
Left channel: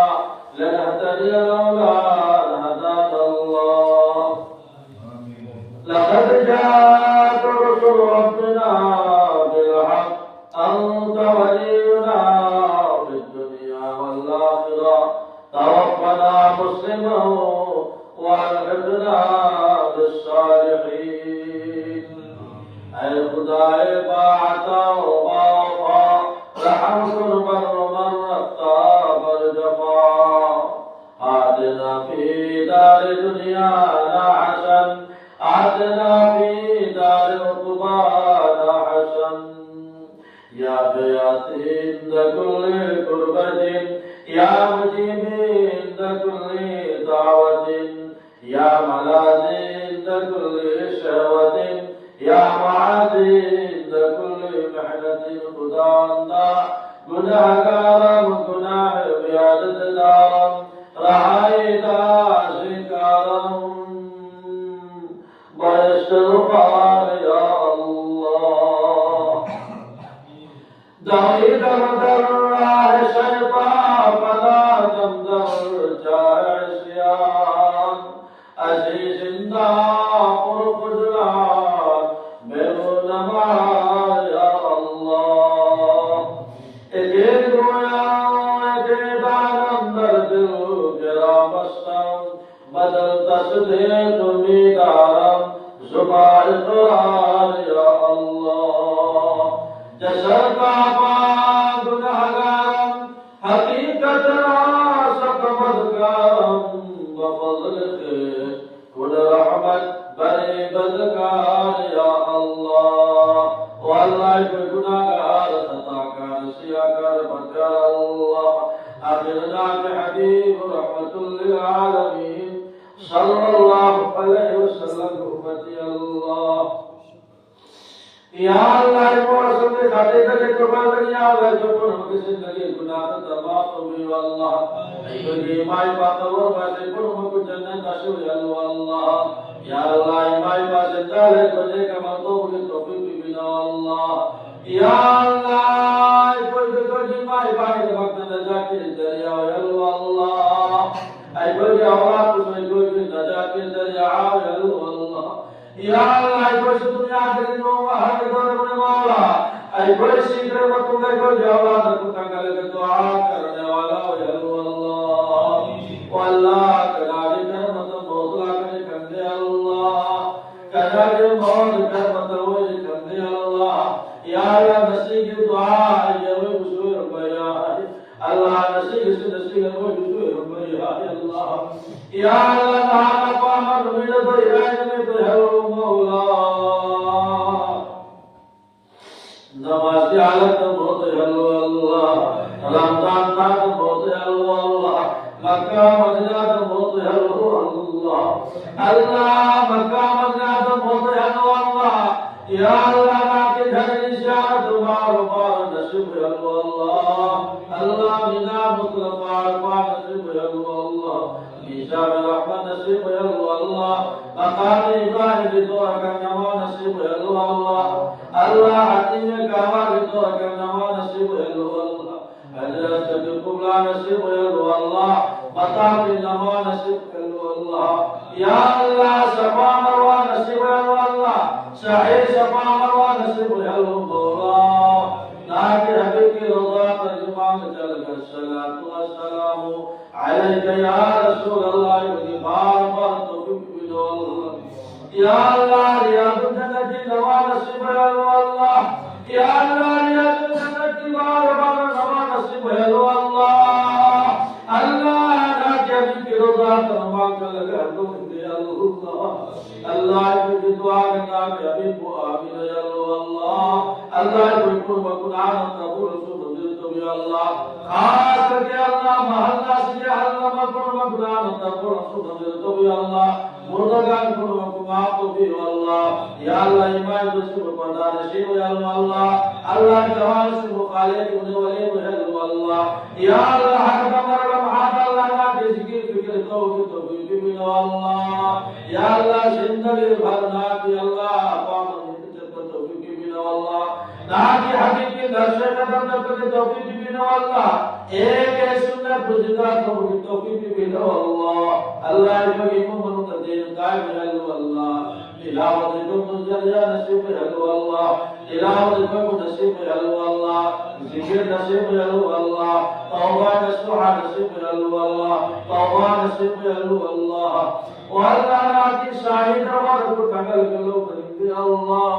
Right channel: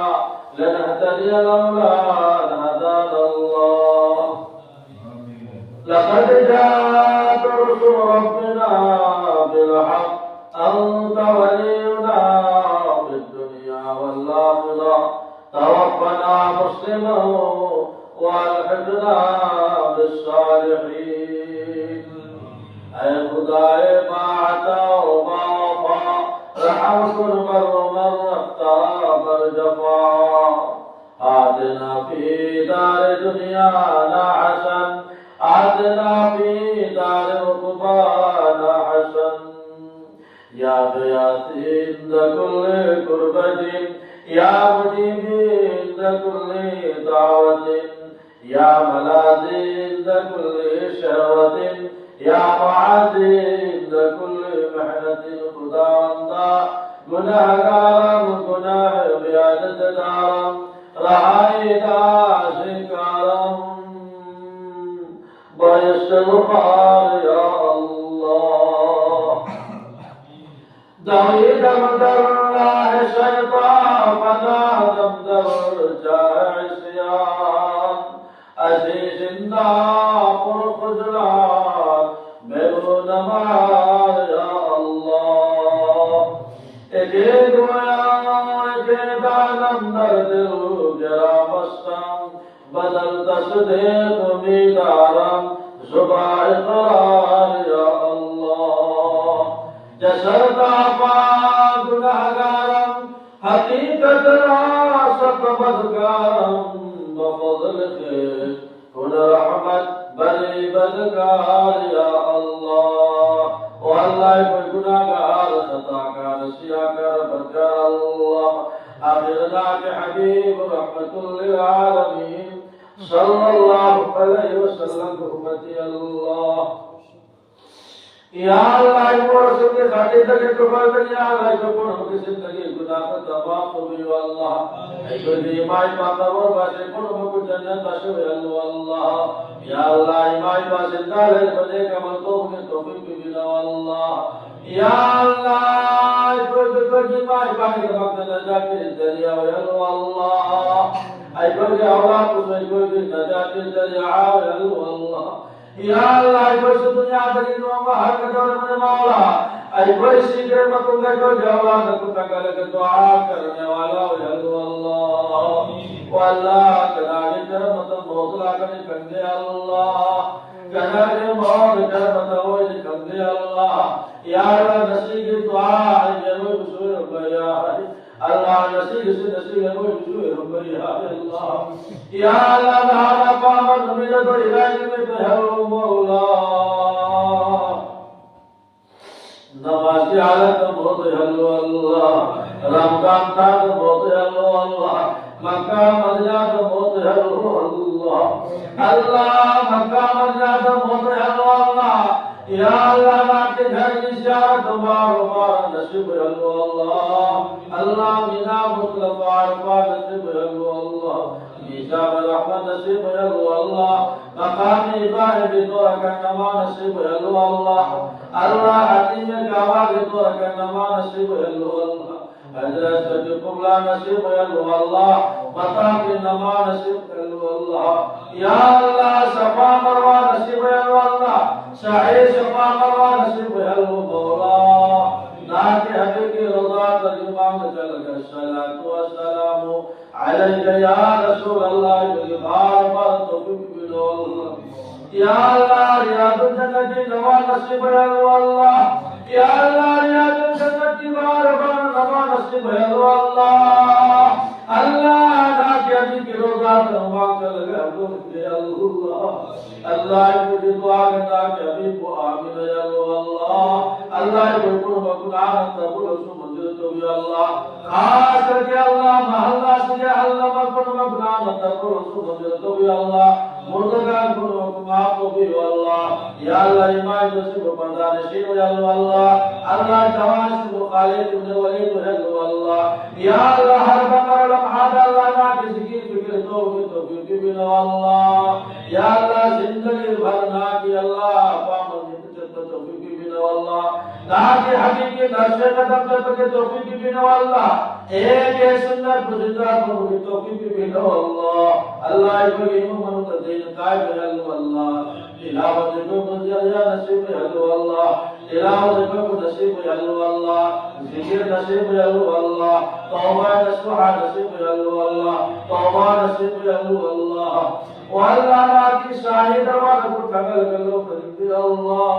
لنهتدي لولا أن هدانا الله لقد جاءت رسل ربنا بالحق أنت ولينا في الدنيا والآخرة توفنا مسلما والحقنا بالصالحين اے خدائے ما عطا وما وفا رحمت المر من رفتا برجفا آتنا في دار دنيانا حسن آتنا في دار عقبانا حسن يا غياثي عند كل كربة يا مجيبي عند كل دعوة يا ملاذي عند كل شهوة يا معاذي عند كل محنة خداوندا گناہگارم گناہ بیادت دارم رہائی دا شکارم باستغفار یا اللہ دعید مدر راہ شیطان پناہ دمدر جائے سیان عزیز زندہ پر خجران میرو نمار یا اللہ ایک گویا ایک دانم در دل گرا بستم بدل تصدیق امیدارم زبار قرار یا اللہ جسر کا پا گناہگارم حقیقت راسک بدکارم بفضل خیر خود رحمت بنی بدکار یا اللہ واللہ کوئی گناہگار خطاکار سیاکار بدکار اللہ آخرنا کے حبیب رحمت للعالمین صلی اللہ علیہ وسلم حکمتی اللہ یا اللہ ایک رسول نے کھاتے تکے چکا دنیا ہے جو پر ہم کی زندگی گناہ تمام قبی واللہ ایک ایمائی پاتور باشے پر ہم کو جنت اشور اللہ یا اللہ ایمائی پاسے دالے بجے کا مطلوب کے توفیق بھی بنا اللہ یا اللہ کوئی ایمائی پانے کے وقت نجات کے ذریعہ اللہ ای کوئی اولاد اس میں کوئی بھی نجات کے ذریعہ اللہ یا اللہ کوئی سی دنیا تک دعا ہر قدر میں مولا ای کوئی سی کرم تم نے کوئی جواب نہ تو کل کے دعا کرنے والا ہو اللہ واللہ کداڑی کرمت مولا کرے کندے اللہ کداڑی موت کرمت ہوئے کندے اللہ یا اللہ نصیب کی دعا ہے وہ بسور بیا اللہ نصیب سے نصیب ہے وہ بسور بیا اللہ یا اللہ ہمارا پامن میرے تو علاج میں تو ہے مولا نواز زیارت بہت حلو اللہ رمضان تھا بہت حلو اللہ مکہ مدینہ بہت حلو اللہ اللہ مکہ مدینہ بہت حلو اللہ یا اللہ ناکے گھر زیارت بار بار نصیب حلو اللہ اللہ بنا مطلب بار بار نصیب حلو اللہ میزان رحمت نصیب حلو اللہ مقام ابراہیم کی دعا کرنا نصیب حلو اللہ اللہ حتیم کعبہ کی دعا کرنا نصیب حلو اللہ حضرت قبلہ نصیب حلو اللہ مطاف نما نصیب حلو اللہ یا اللہ صفا مروہ نصیب حلو اللہ سعی صفا مروہ نصیب حلو مولا ناکہ حبیب کی رضا ترجمان چل کر الصلاة والسلام علیک یا رسول اللہ بار بار توفیق بدو اللہ یا اللہ ریاض الجنہ کی نوا نصیب حلو اللہ یا اللہ ریاض الجنہ کی بار بار نوا نصیب حلو اللہ اللہ ناکہ حبیب کی رضا ترجمان چل کر اللہ کی دعا کرنا کہ حبیب کو آمین یا اللہ اللہ کو قرب قرآن قبول رسول تو بھی اللہ خاص کر کے اللہ محلہ سے اللہ قرب قرآن قبول رسول تو بھی اللہ مردگان قرب قرآن تو بھی اللہ یا اللہ ایمان جو سے پردہ نشیب یا اللہ اللہ جوان سے مخالف ہونے والے تو ہے اللہ یا اللہ ہر بمر لمحات اللہ کی ذکر فکر تو بھی اللہ یا اللہ زندگی بھرنا کی اللہ ناکہ حقیقی درشے کا بندر پر توفیق بھی نو اللہ ایک سنت گزدہ کو توفیق بھی نو اللہ اللہ کو امام دین قائم ہے اللہ تلاوت کو مزریا نصیب ہے اللہ تلاوت کو نصیب ہے اللہ ذکر نصیب ہے اللہ توبہ نصیب ہے اللہ توبہ نصیب ہے اللہ والله کی شاہی دروازہ کو ٹھگل کرو کرتے اللہ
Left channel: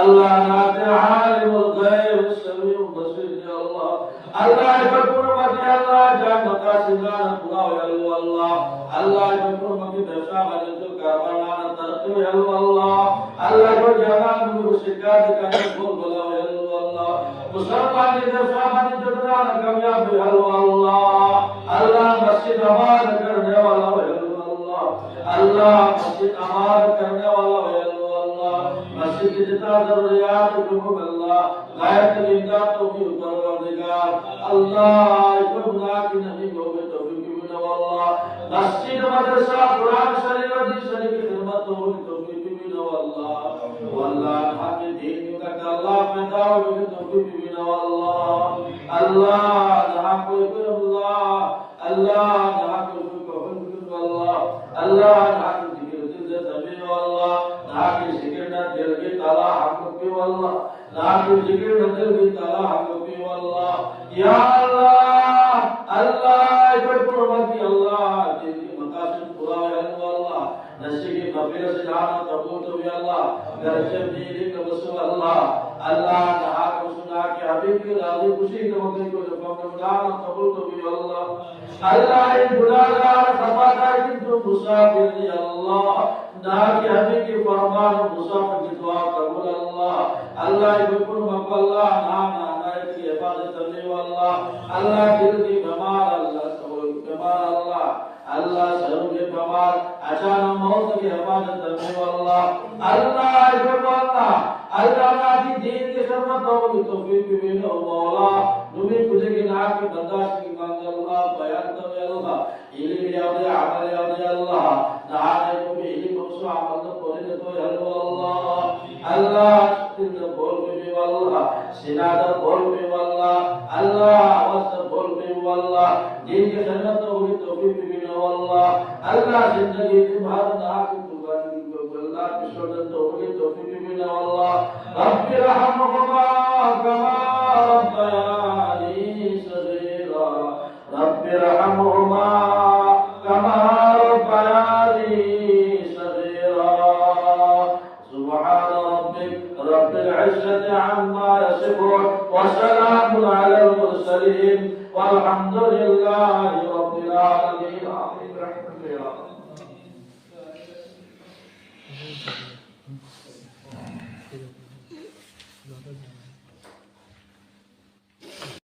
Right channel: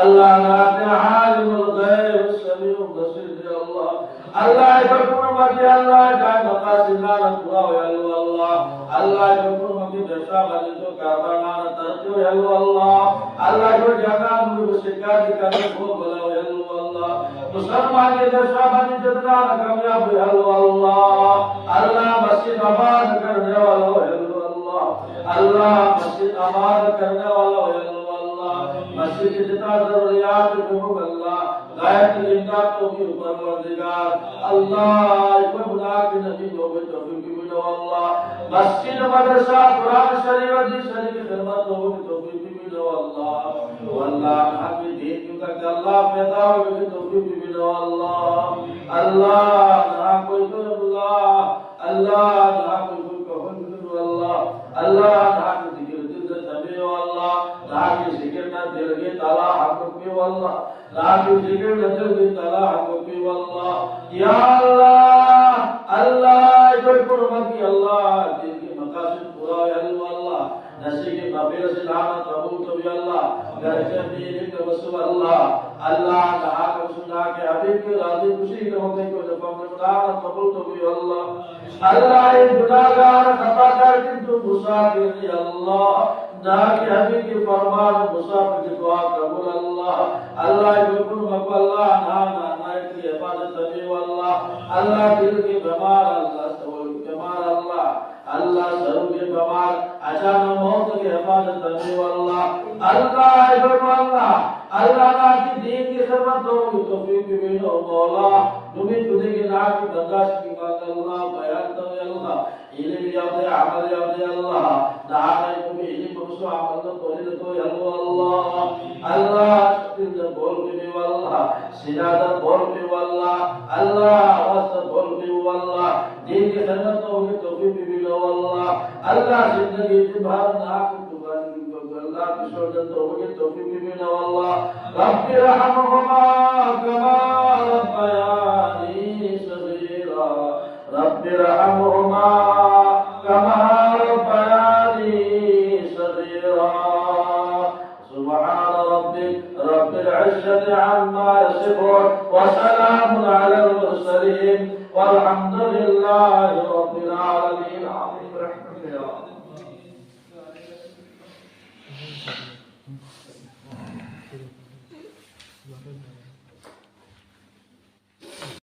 اللہ نات عالم الغیب السمیع البصیر اللہ اللہ پر قربت اللہ کا مقاصد پورا ہو اللہ اللہ پر قربت بیشا بنے تو کارنامہ ترقی ہو اللہ اللہ کو جہان میں شکایت کرنے کو بلا ہو اللہ مسلمان کے بیشا بنے جتنا کامیاب ہو اللہ اللہ مسجد آباد کرنے والا ہے اللہ اللہ مسجد آباد کرنے والا ہے اللہ مسجد جتنا ضروریات کو اللہ غیرت امداد تو بھی پروردگار اللہ خدا کی نبی کو بھی توفیق بھی اللہ مسجد مدرسہ قرآن شریف حدیث شریف کی خدمت تو بھی توفیق بھی اللہ والله حق دین کو کہ اللہ پیدا ہو بھی توفیق بھی اللہ اللہ نہ کوئی اللہ اللہ نہ کوئی قبول اللہ اللہ نہ ذکر دل تبی اللہ نہ ذکر نہ دل کے تعالی حق بھی اللہ نہ ذکر نہ دل کے تعالی حق بھی اللہ یا اللہ اللہ پر قربت اللہ تیری مقاصد پورا ہے اللہ نصیب مغفرت سے جانا قبول تو بھی اللہ گھر سے میری کا وسو اللہ اللہ تعالی کو سنا کے حبیب کی راضی خوشی کرو کو جب رمضان قبول تو بھی اللہ اللہ گناہگار خطا کر کے تو مسافر یا اللہ نہ کہ حبیب کی فرمان مسافر کی دعا قبول اللہ اللہ کو مقبول اللہ نہ کی حفاظت کرے اللہ اللہ دل کی بیمار اللہ سوال بیمار اللہ اللہ سر کے بیمار اچانک موت کی حفاظت کرے اللہ اللہ اللہ اللہ کی دین کی خدمت ہو توفیق بھی ہو مولا تمہیں تجھے کی نہ کی برداشت کی مانگ اللہ بیان تو اللہ علم یاد عمل یاد اللہ دعانے کو بھی علم کو عمل تو پوری تو اللہ اللہ تجھ بول بھی اللہ سنادہ بول بھی اللہ اللہ آواز بول بھی اللہ دین کی خدمت ہو توفیق بھی ہو اللہ اللہ زندگی تمہارا ناک قربانی کو اللہ کی شہادت ہو توفیق بھی ہو اللہ رب ارحمهما كما ربياني صغيرا رب ارحمهما كما ربياني صغيرا سبحان ربك رب العزة عما يصفون وسلام على المرسلين والحمد لله رب العالمين آمين برحمتك يا رب